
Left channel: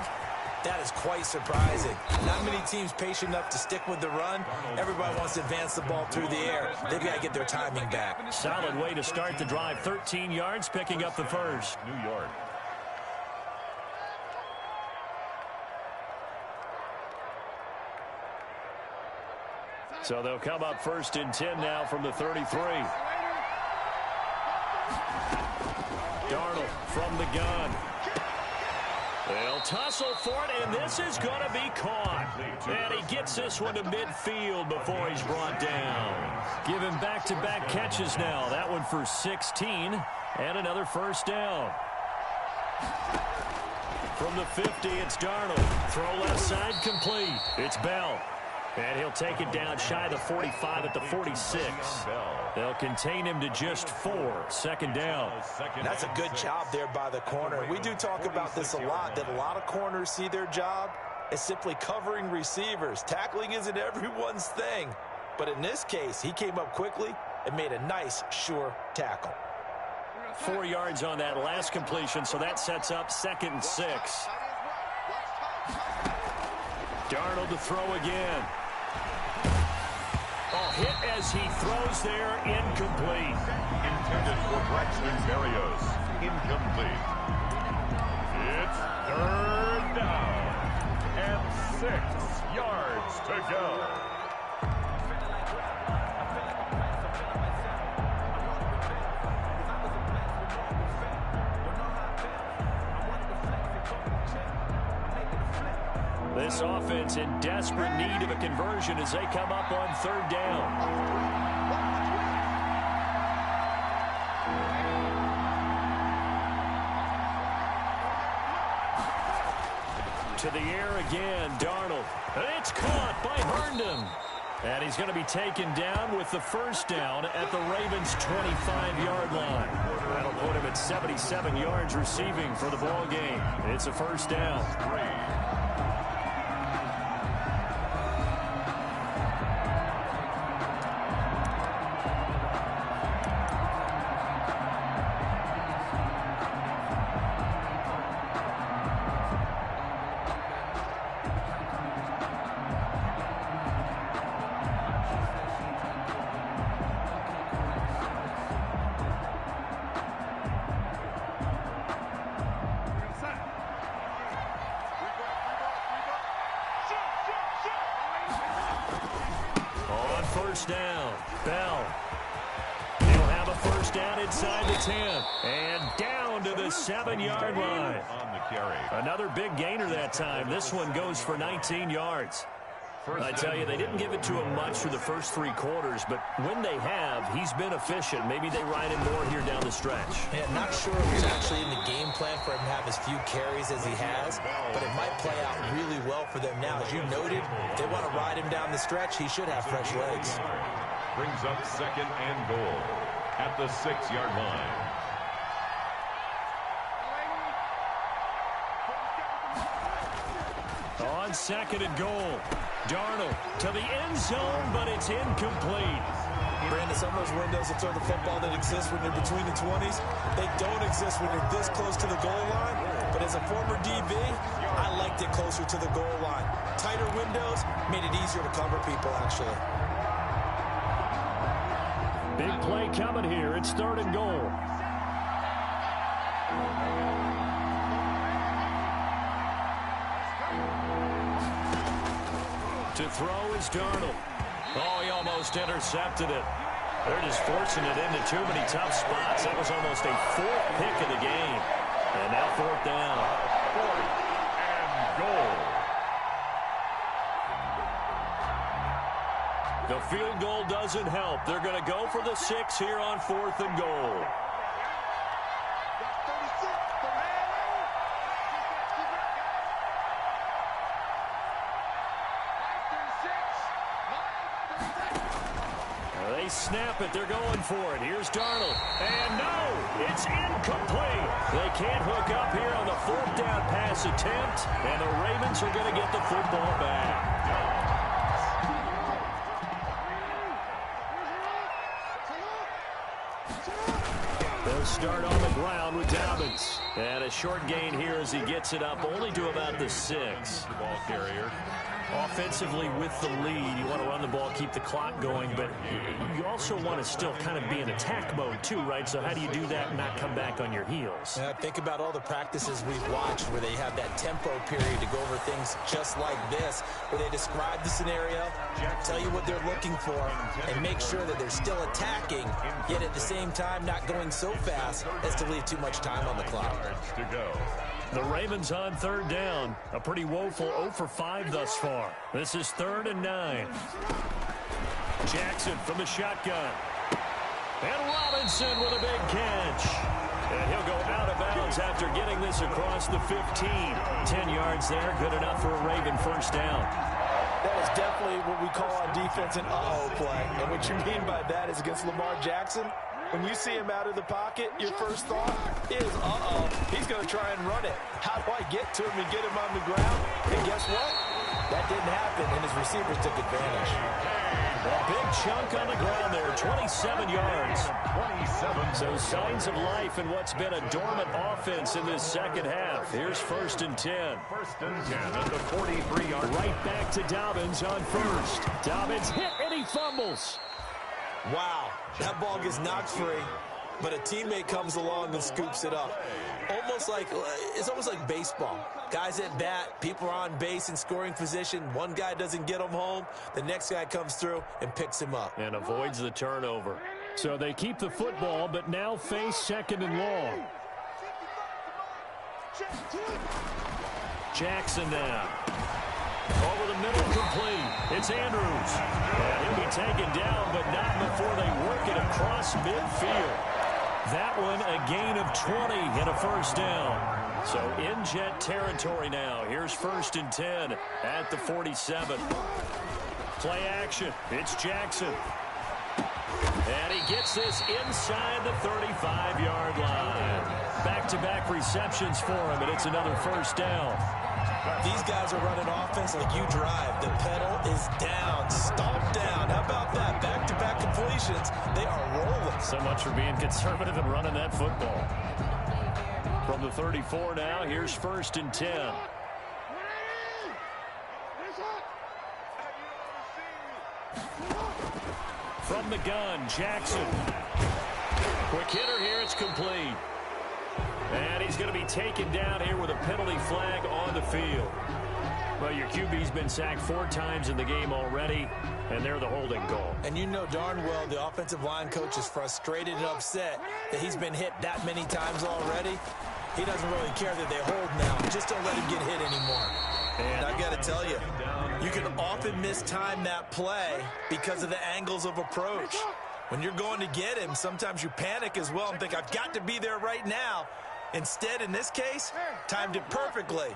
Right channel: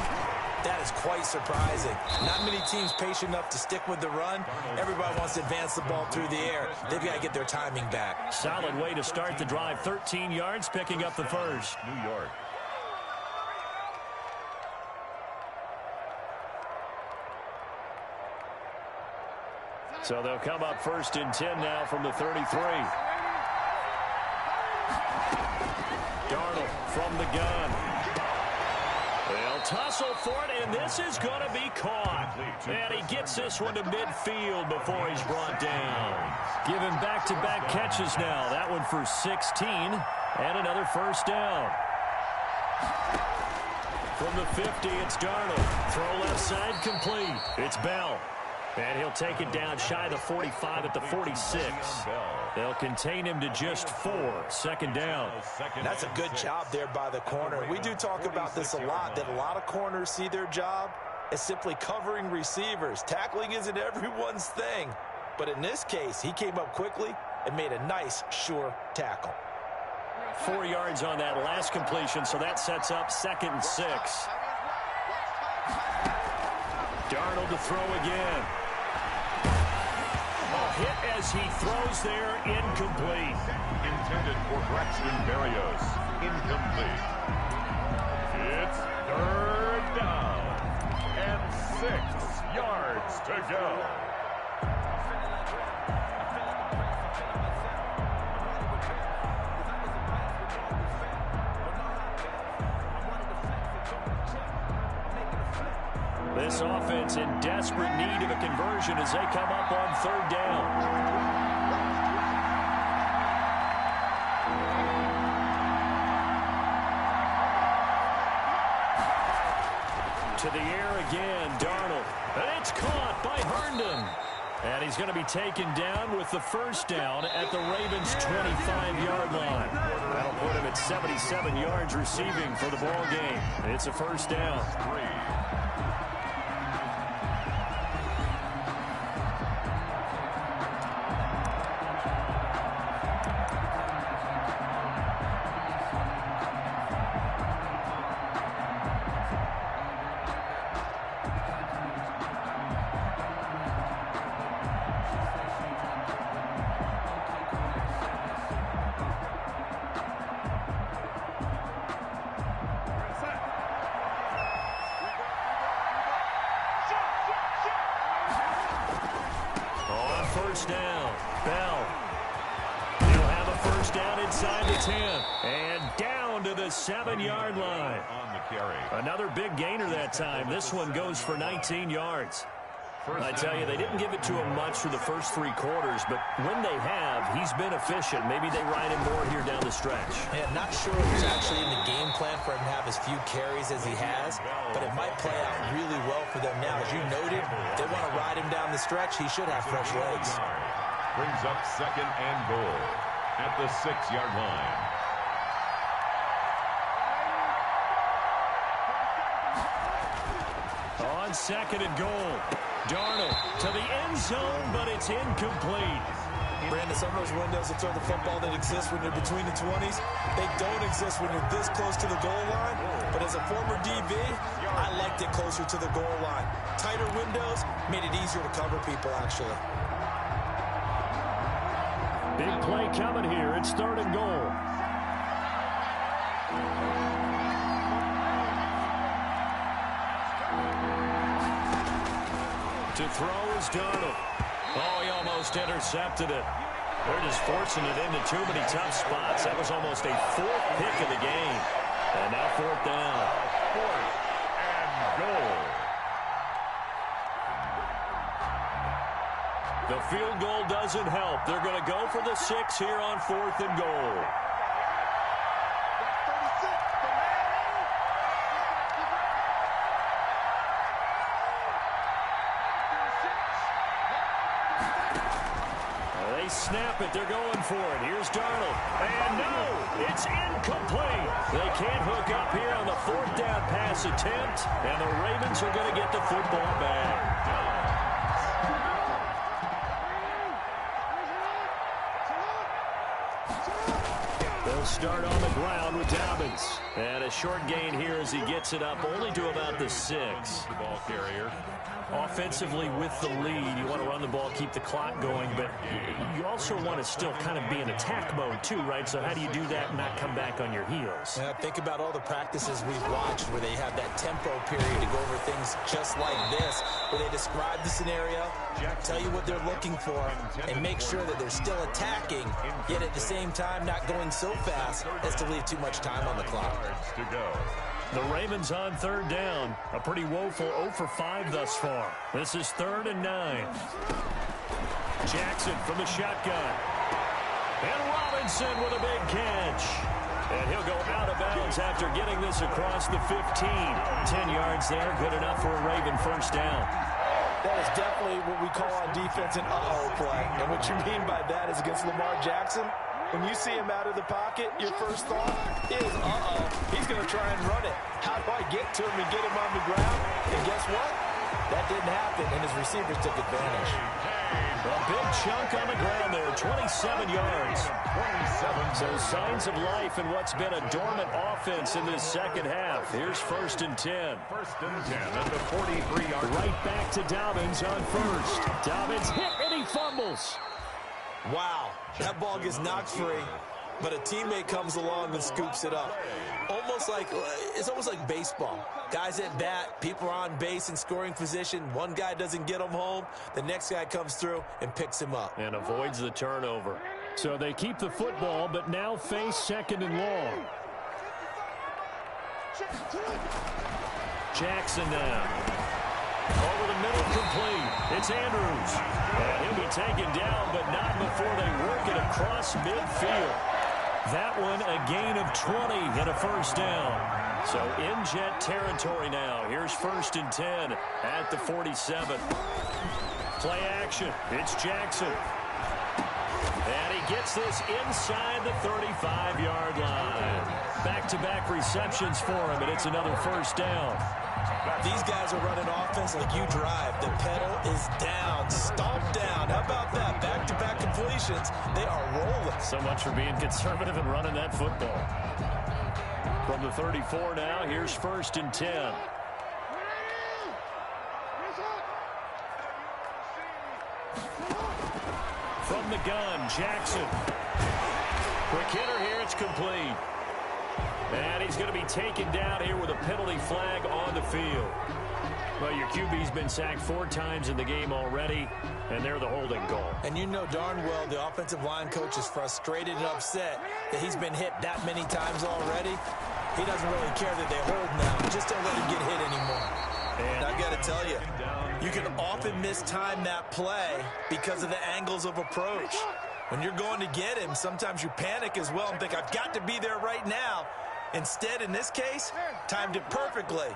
that is quite surprising. Not many teams patient enough to stick with the run. Everybody wants to advance the ball through the air. They've got to get their timing back. Solid way to start the drive. 13 yards, picking up the first. New York. So they'll come up 1st and 10 now from the 33. Darnold from the gun. They'll tussle for it, and this is going to be caught. And he gets this one to midfield before he's brought down. Giving back-to-back catches now. That one for 16, and another 1st down. From the 50, it's Darnold. Throw left side, complete. It's Bell. And he'll take it down shy of the 45 at the 46. They'll contain him to just 4. 2nd down. That's a good job there by the corner. We do talk about this a lot, that a lot of corners see their job as simply covering receivers. Tackling isn't everyone's thing. But in this case, he came up quickly and made a nice, sure tackle. 4 yards on that last completion, so that sets up 2nd and 6. Darnold to throw again. Oh, hit as he throws there, incomplete. Intended for Braxton Berrios. Incomplete. It's 3rd down. And 6 yards to go. This offense in desperate need of a conversion as they come up on 3rd down. To the air again, Darnold. And it's caught by Herndon. And he's going to be taken down with the 1st down at the Ravens' 25-yard line. That'll put him at 77 yards receiving for the ball game. It's a 1st down. 3. On 1st down, Bell. He'll have a 1st down inside the 10. And down to the 7-yard line. On the carry. Another big gainer that time. This one goes for 19 yards. I tell you, they didn't give it to him much through the first 3 quarters, but when they have, he's been efficient. Maybe they ride him more here down the stretch. Yeah, not sure it was actually in the game plan for him to have as few carries as he has, but it might play out really well for them now. As you noted, if they want to ride him down the stretch, he should have fresh legs. brings up 2nd and goal at the 6-yard line. On 2nd and goal, Darnold to the end zone, but it's incomplete. Brandon, some of those windows that throw the football that exist when you're between the 20s, they don't exist when you're this close to the goal line. But as a former DB, I liked it closer to the goal line. Tighter windows made it easier to cover people, actually. Big play coming here. It's 3rd and goal. To throw is Darnold. Oh, he almost intercepted it. They're just forcing it into too many tough spots. That was almost a 4th pick of the game. And now 4th down. 4th and goal. The field goal doesn't help. They're going to go for the 6 here on 4th and goal. They snap it. They're going for it. Here's Darnold. And no, it's incomplete. They can't hook up here on the 4th down pass attempt, and the Ravens are going to get the football back. They'll start on the ground with Dobbins. And a short gain here as he gets it up only to about the 6. The ball carrier. Offensively with the lead, you want to run the ball, keep the clock going, but you also want to still kind of be in attack mode too, right? So how do you do that and not come back on your heels? Yeah, think about all the practices we've watched where they have that tempo period to go over things just like this, where they describe the scenario, tell you what they're looking for, and make sure that they're still attacking, yet at the same time not going so fast as to leave too much time on the clock. To go. The Ravens on 3rd down. A pretty woeful 0 for 5 thus far. This is 3rd and 9. Jackson from the shotgun. And Robinson with a big catch. And he'll go out of bounds after getting this across the 15. 10 yards there, good enough for a Raven 1st down. That is definitely what we call on defense an uh-oh play. And what you mean by that is against Lamar Jackson, when you see him out of the pocket, your first thought is, uh-oh, he's going to try and run it. How do I get to him and get him on the ground? And guess what? That didn't happen, and his receivers took advantage. A big chunk on the ground there, 27 yards. 27. So signs of life in what's been a dormant offense in this 2nd half. Here's 1st and 10. 1st and 10 at the 43-yard line. Right back to Dobbins on 1st. Dobbins hit and he fumbles. Wow, that ball gets knocked free, but a teammate comes along and scoops it up. It's almost like baseball. Guys at bat, people are on base in scoring position. One guy doesn't get him home. The next guy comes through and picks him up. And avoids the turnover. So they keep the football, but now face 2nd and long. Jackson now. Over the middle, complete. It's Andrews. And he'll be taken down, but not before they work it across midfield. That one, a gain of 20 and a 1st down. So in Jet territory now. Here's 1st and 10 at the 47. Play action. It's Jackson. And he gets this inside the 35-yard line. Back-to-back receptions for him, and it's another 1st down. These guys are running offense like you drive. The pedal is down, stomped down. How about that? Back-to-back completions. They are rolling. So much for being conservative and running that football. From the 34 now, here's 1st and 10. From the gun, Jackson. Quick hitter here, it's complete. And he's going to be taken down here with a penalty flag on the field. Well, your QB's been sacked 4 times in the game already, and they're the holding goal. And you know darn well the offensive line coach is frustrated and upset that he's been hit that many times already. He doesn't really care that they hold now. Just don't let him get hit anymore. And I got to tell you, you can often mistime that play because of the angles of approach. When you're going to get him, sometimes you panic as well and think, I've got to be there right now. Instead, in this case, timed it perfectly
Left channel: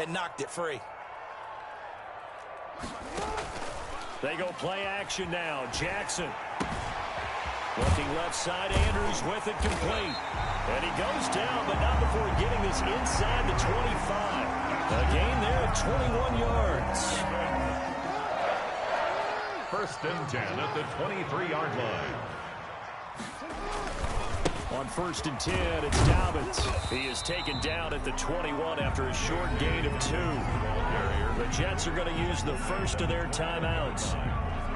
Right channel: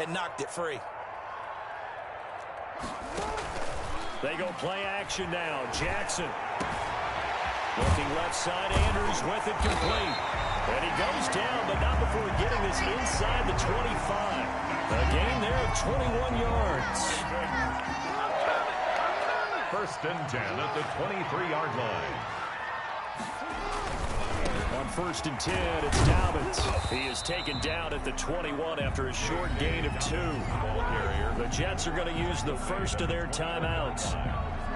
and knocked it free. They go play action now. Jackson. Looking left side, Andrews with it complete. And he goes down, but not before getting this inside the 25. A gain there of 21 yards. First and 10 at the 23-yard line. On first and 10, it's Dobbins. He is taken down at the 21 after a short gain of 2. The Jets are going to use the first of their timeouts.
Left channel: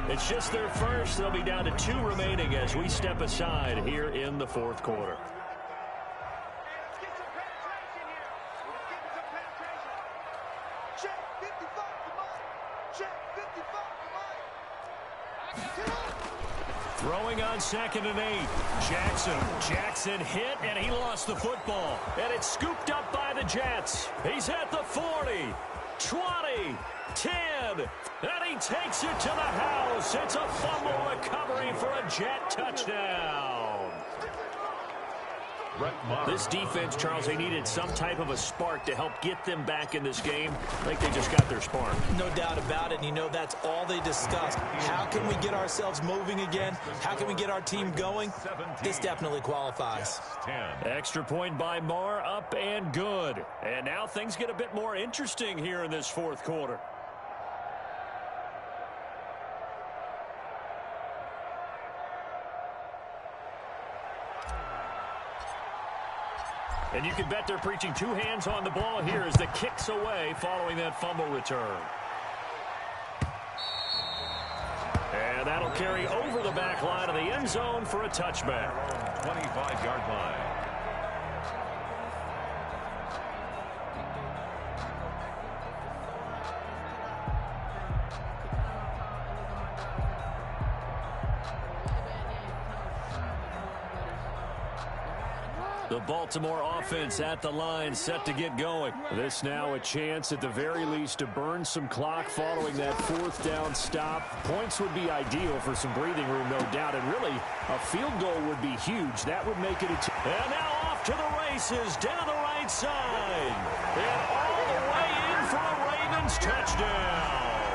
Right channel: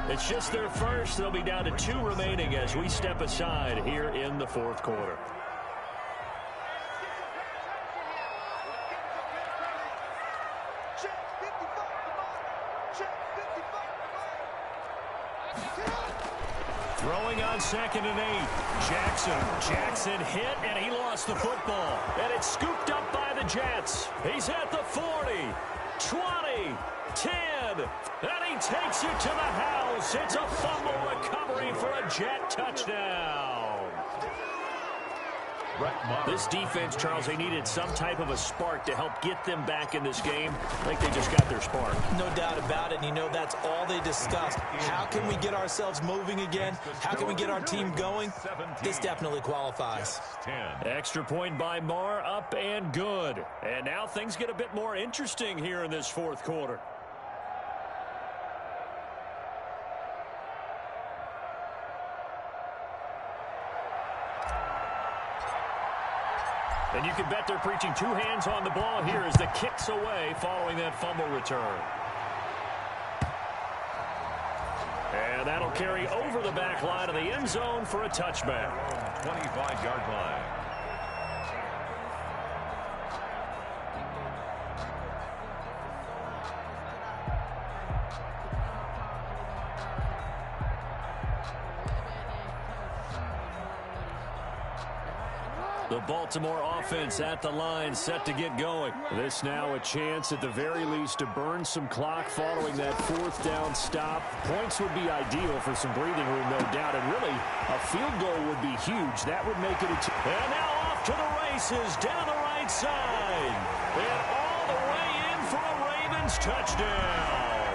It's just their first. They'll be down to 2 remaining as we step aside here in the fourth quarter. Throwing on 2nd and 8. Jackson hit, and he lost the football. And it's scooped up by the Jets. He's at the 40, 20, 10, and he takes it to the house. It's a fumble recovery for a Jet touchdown. This defense, Charles, they needed some type of a spark to help get them back in this game. I think they just got their spark. No doubt about it. And you know that's all they discussed. How can we get ourselves moving again? How can we get our team going? This definitely qualifies. Extra point by Marr, up and good. And now things get a bit more interesting here in this fourth quarter. And you can bet they're preaching 2 hands on the ball here as the kick's away following that fumble return. And that'll carry over the back line of the end zone for a touchback. 25-yard line. The Baltimore offense at the line, set to get going. This now a chance at the very least to burn some clock following that 4th down stop. Points would be ideal for some breathing room, no doubt. And really, a field goal would be huge. That would make it a... And now off to the races down the right side. And all the way in for a Ravens touchdown.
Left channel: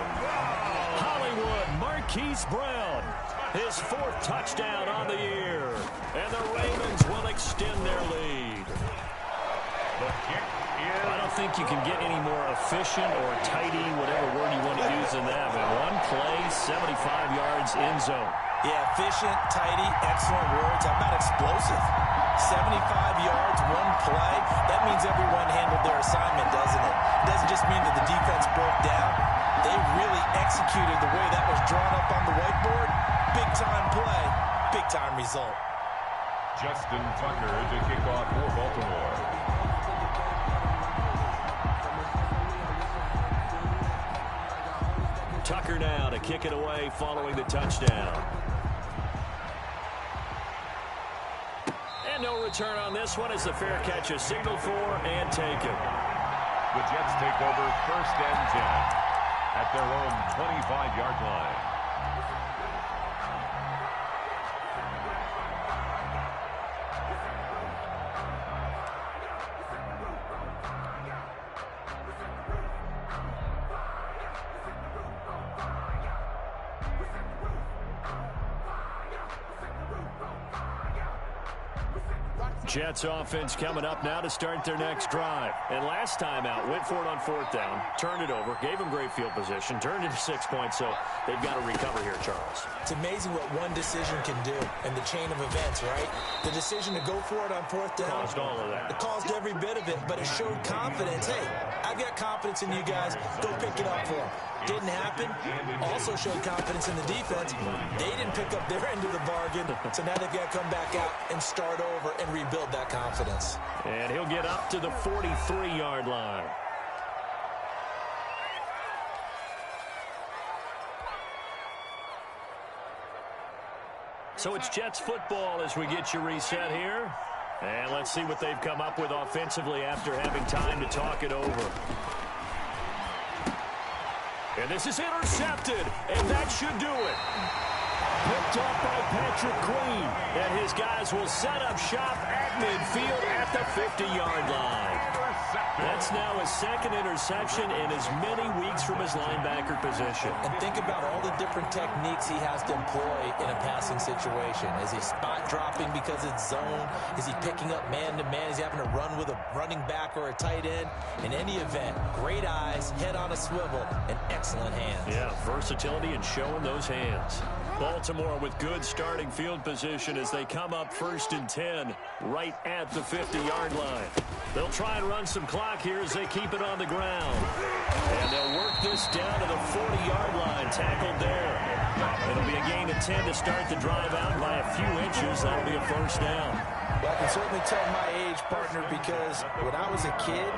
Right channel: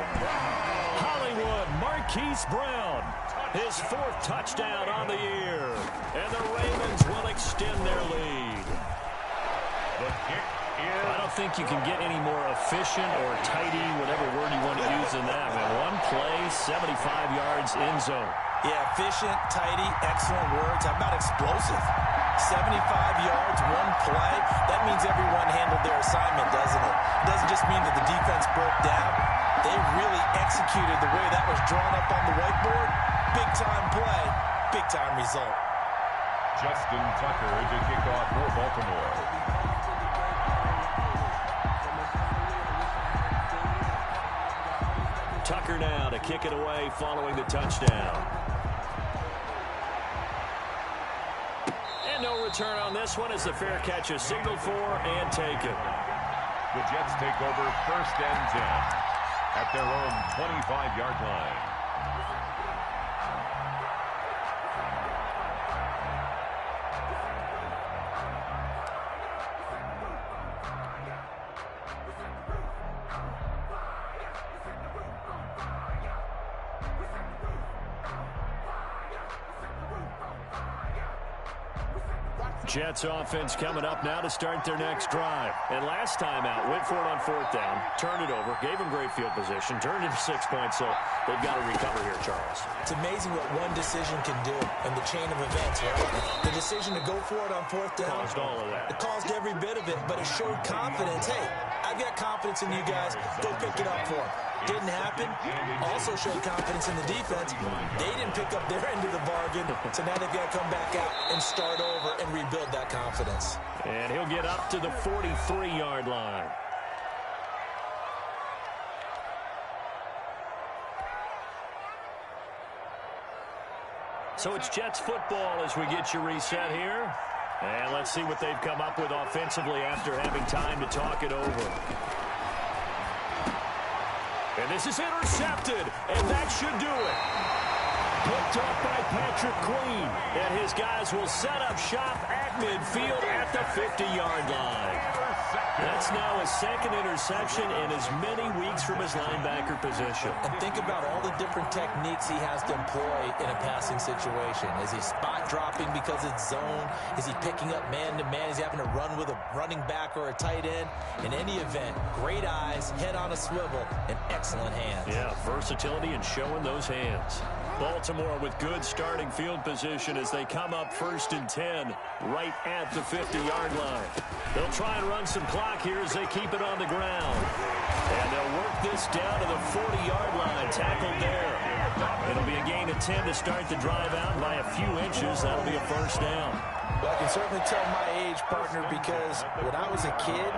Hollywood, Marquise Brown. His 4th touchdown on the year. And the Ravens will extend their lead. The kick is... I don't think you can get any more efficient or tidy, whatever word you want to use in that, man. 1 play, 75 yards, end zone. Yeah, efficient, tidy, excellent words. How about explosive? 75 yards, 1 play. That means everyone handled their assignment, doesn't it? It doesn't just mean that the defense broke down. They really executed the way that was drawn up on the whiteboard. Big-time play, big-time result. Justin Tucker to kick off for Baltimore. Tucker now to kick it away following the touchdown. And no return on this one as the fair catch is signaled for and taken. The Jets take over 1st and 10 at their own 25-yard line. Jets offense coming up now to start their next drive. And last time out, went for it on 4th down, turned it over, gave them great field position, turned into 6 points, so they've got to recover here, Charles. It's amazing what one decision can do in the chain of events, right? The decision to go for it on 4th down. Caused all of that. It caused every bit of it, but it showed confidence. Hey, I've got confidence in you guys. Go pick it up for them. Didn't happen. Also showed confidence in the defense. They didn't pick up their end of the bargain, so now they've got to come back out and start over and rebuild that confidence. And he'll get up to the 43-yard line. So it's Jets football as we get you reset here. And let's see what they've come up with offensively after having time to talk it over. And this is intercepted, and that should do it. Picked off by Patrick Queen. And his guys will set up shop at midfield at the 50-yard line. That's now his second interception in as many weeks from his linebacker position. And think about all the different techniques he has to employ in a passing situation. Is he spot dropping because it's zone? Is he picking up man-to-man? Is he having to run with a running back or a tight end? In any event, great eyes, head on a swivel, and excellent hands. Yeah, versatility and showing those hands. Baltimore with good starting field position as they come up 1st and 10 right at the 50-yard line. They'll try and run some clock here as they keep it on the ground. And they'll work this down to the 40-yard line, tackled there. It'll be a gain of 10 to start the drive out by a few inches. That'll be a first down. Well, I can certainly tell my age, partner, because when I was a kid,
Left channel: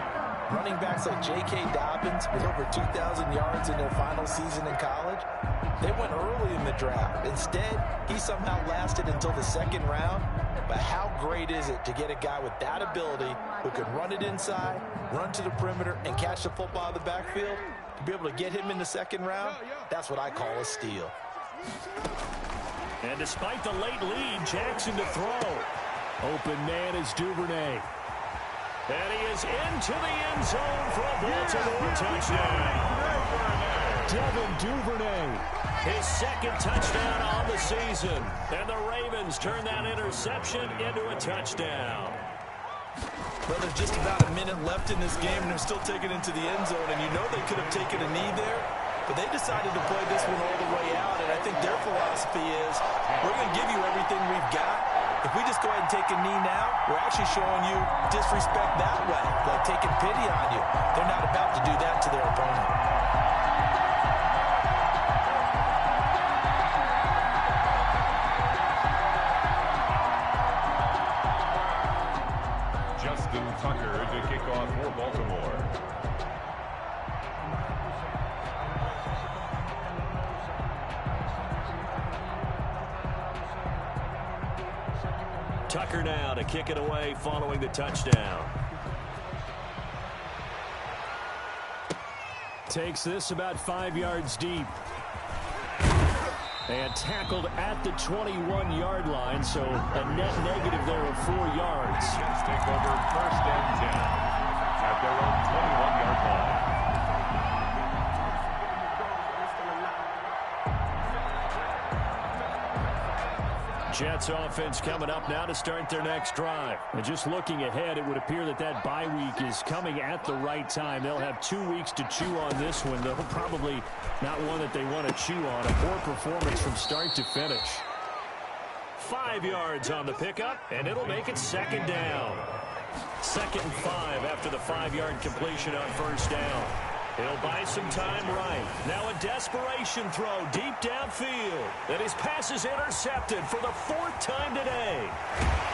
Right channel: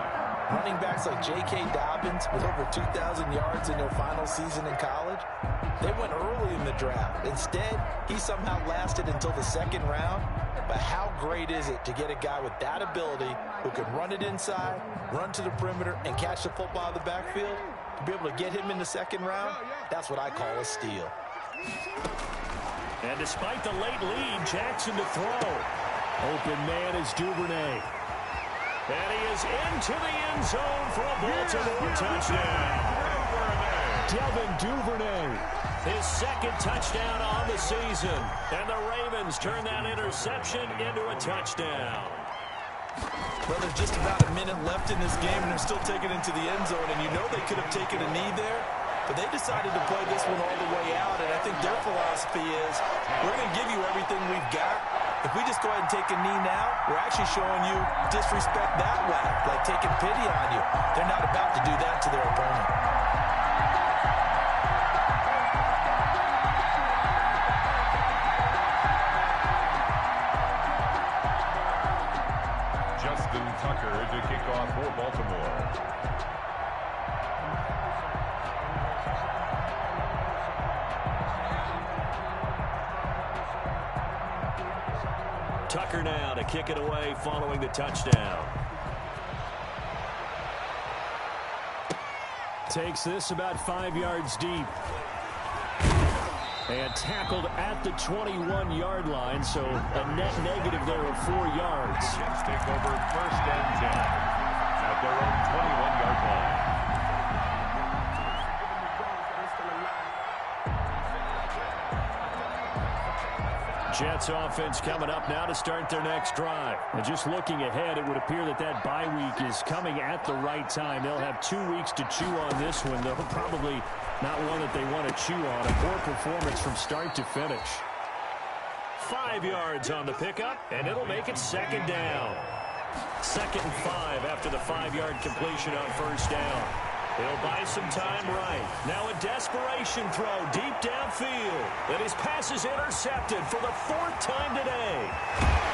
running backs like J.K. Dobbins with over 2,000 yards in their final season in college, they went early in the draft. Instead, he somehow lasted until the 2nd round. But how great is it to get a guy with that ability who can run it inside, run to the perimeter, and catch the football out of the backfield? To be able to get him in the 2nd round, that's what I call a steal. And despite the late lead, Jackson to throw. Open man is Duvernay. And he is into the end zone for a Baltimore touchdown. Devin Duvernay. His 2nd touchdown on the season. And the Ravens turn that interception into a touchdown. Well, there's just about a minute left in this game, and they're still taking it into the end zone. And you know they could have taken a knee there, but they decided to play this one all the way out. And I think their philosophy is, we're going to give you everything we've got. If we just go ahead and take a knee now, we're actually showing you disrespect that way, like taking pity on you. They're not about to do that to their opponent. Justin Tucker to kick off for Baltimore. Tucker now to kick it away following the touchdown. Takes this about 5 yards deep. And tackled at the 21-yard line, so a net negative there of 4 yards. Jets take over 1st and 10 at their own 21-yard line. Jets offense coming up now to start their next drive. And just looking ahead, it would appear that that bye week is coming at the right time. They'll have 2 weeks to chew on this one, though probably not one that they want to chew on. A poor performance from start to finish. 5 yards on the pickup, and it'll make it 2nd down. 2nd and 5 after the 5-yard completion on 1st down. He'll buy some time right. Now a desperation throw deep downfield. And his pass is intercepted for the 4th time today.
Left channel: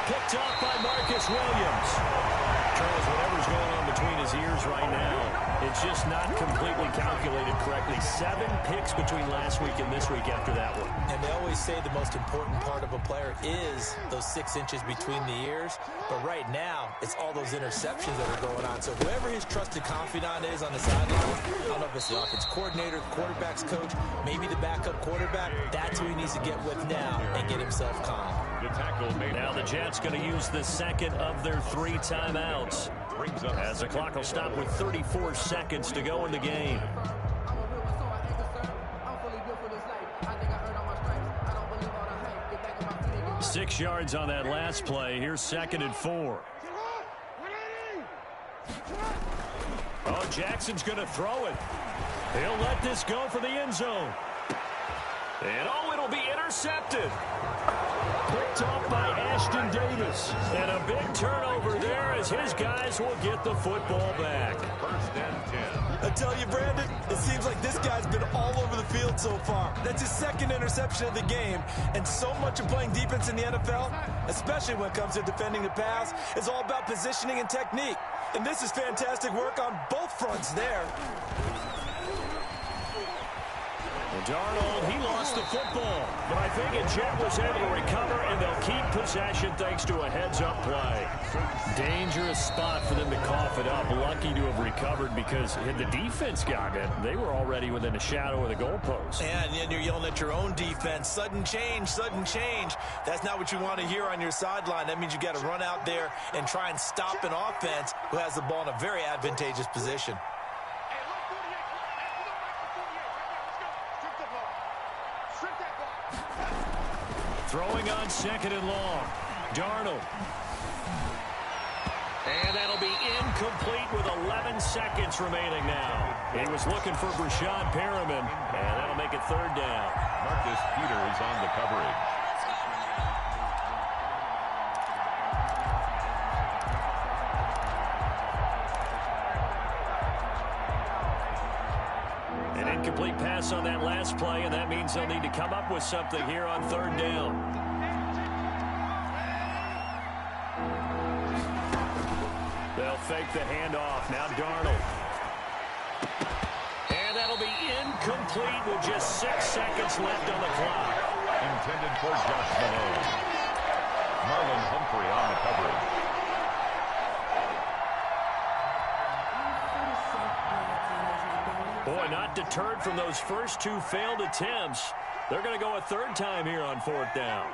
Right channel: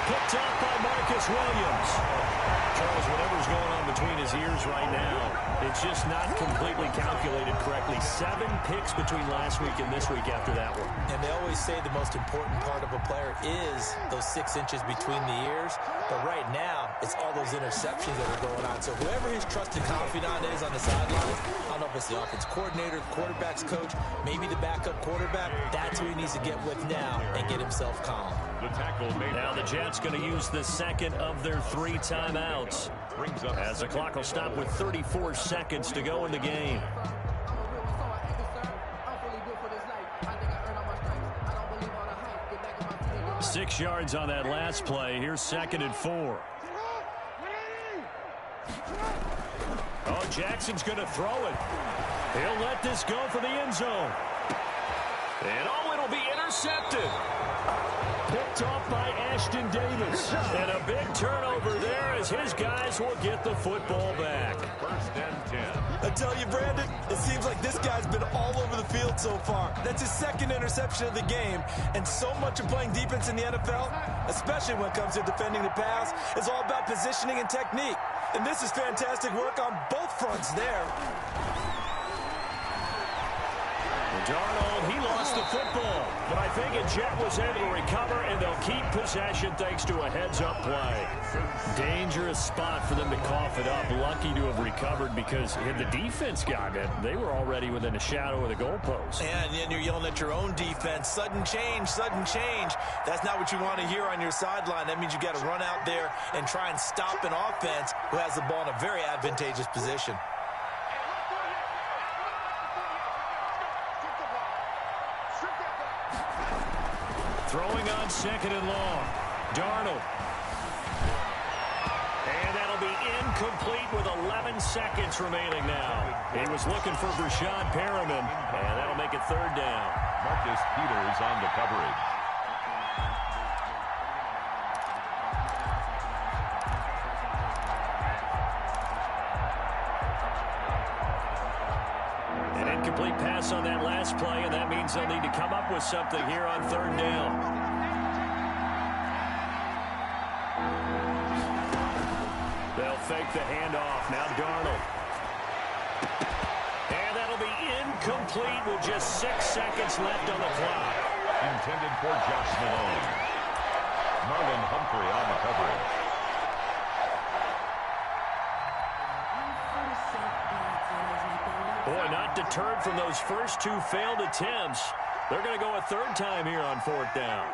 Picked off by Marcus Williams. Charles, whatever's going on between his ears right now, it's just not completely calculated correctly. 7 picks between last week and this week after that one. And they always say the most important part of a player is those 6 inches between the ears. But right now, it's all those interceptions that are going on. So whoever his trusted confidant is on the sideline, I don't know if it's the offense coordinator, the quarterback's coach, maybe the backup quarterback, that's who he needs to get with now and get himself calm. The tackle made. Now the Jets going to use the 2nd of their 3 timeouts. As the clock will stop with 34 seconds to go in the game. 6 yards on that last play. Here's 2nd and 4. Oh, Jackson's going to throw it. He'll let this go for the end zone. And oh, it'll be intercepted. Picked off by Ashton Davis. And a big turnover there as his guys will get the football back. 1st and 10. I tell you, Brandon, it seems like this guy's been all over the field so far. That's his 2nd interception of the game. And so much of playing defense in the NFL, especially when it comes to defending the pass, is all about positioning and technique. And this is fantastic work on both fronts there. And Darnold, he lost the football, but I think Jet was able to recover, and they'll keep possession thanks to a heads-up play. Dangerous spot for them to cough it up. Lucky to have recovered because had the defense gotten it, they were already within a shadow of the goalpost. And then you're yelling at your own defense, sudden change, sudden change. That's not what you want to hear on your sideline. That means you got to run out there and try and stop an offense who has the ball in a very advantageous position. Throwing on 2nd and long. Darnold. And that'll be incomplete with 11 seconds remaining now. He was looking for Brashad Perriman, and that'll make it 3rd down. Marcus Peters on the coverage. An incomplete pass on that last play, and that means they'll need to come up with something here on 3rd down. They'll fake the handoff. Now Darnold. And that'll be incomplete with just 6 seconds left on the clock. Intended for Josh Malone. Marlon Humphrey on the coverage. Boy, not deterred from those first 2 failed attempts. They're going to go a 3rd time here on 4th down.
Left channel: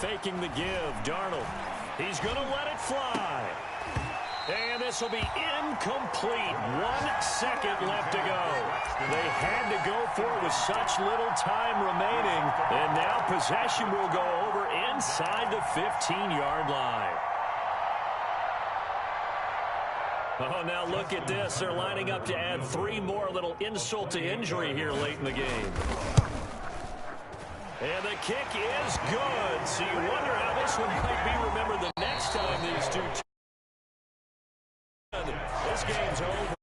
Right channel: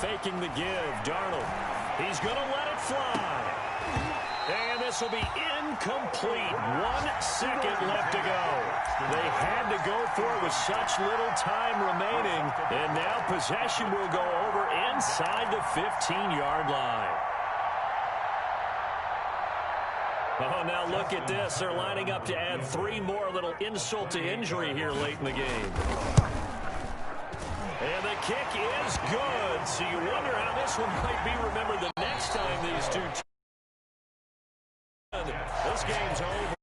Faking the give, Darnold. He's going to let it fly. And this will be incomplete. 1 second left to go. They had to go for it with such little time remaining. And now possession will go over inside the 15-yard line. Oh, now look at this. They're lining up to add 3 more. A little insult to injury here late in the game. And the kick is good. So you wonder how this one might be remembered the next time these two. This game's over.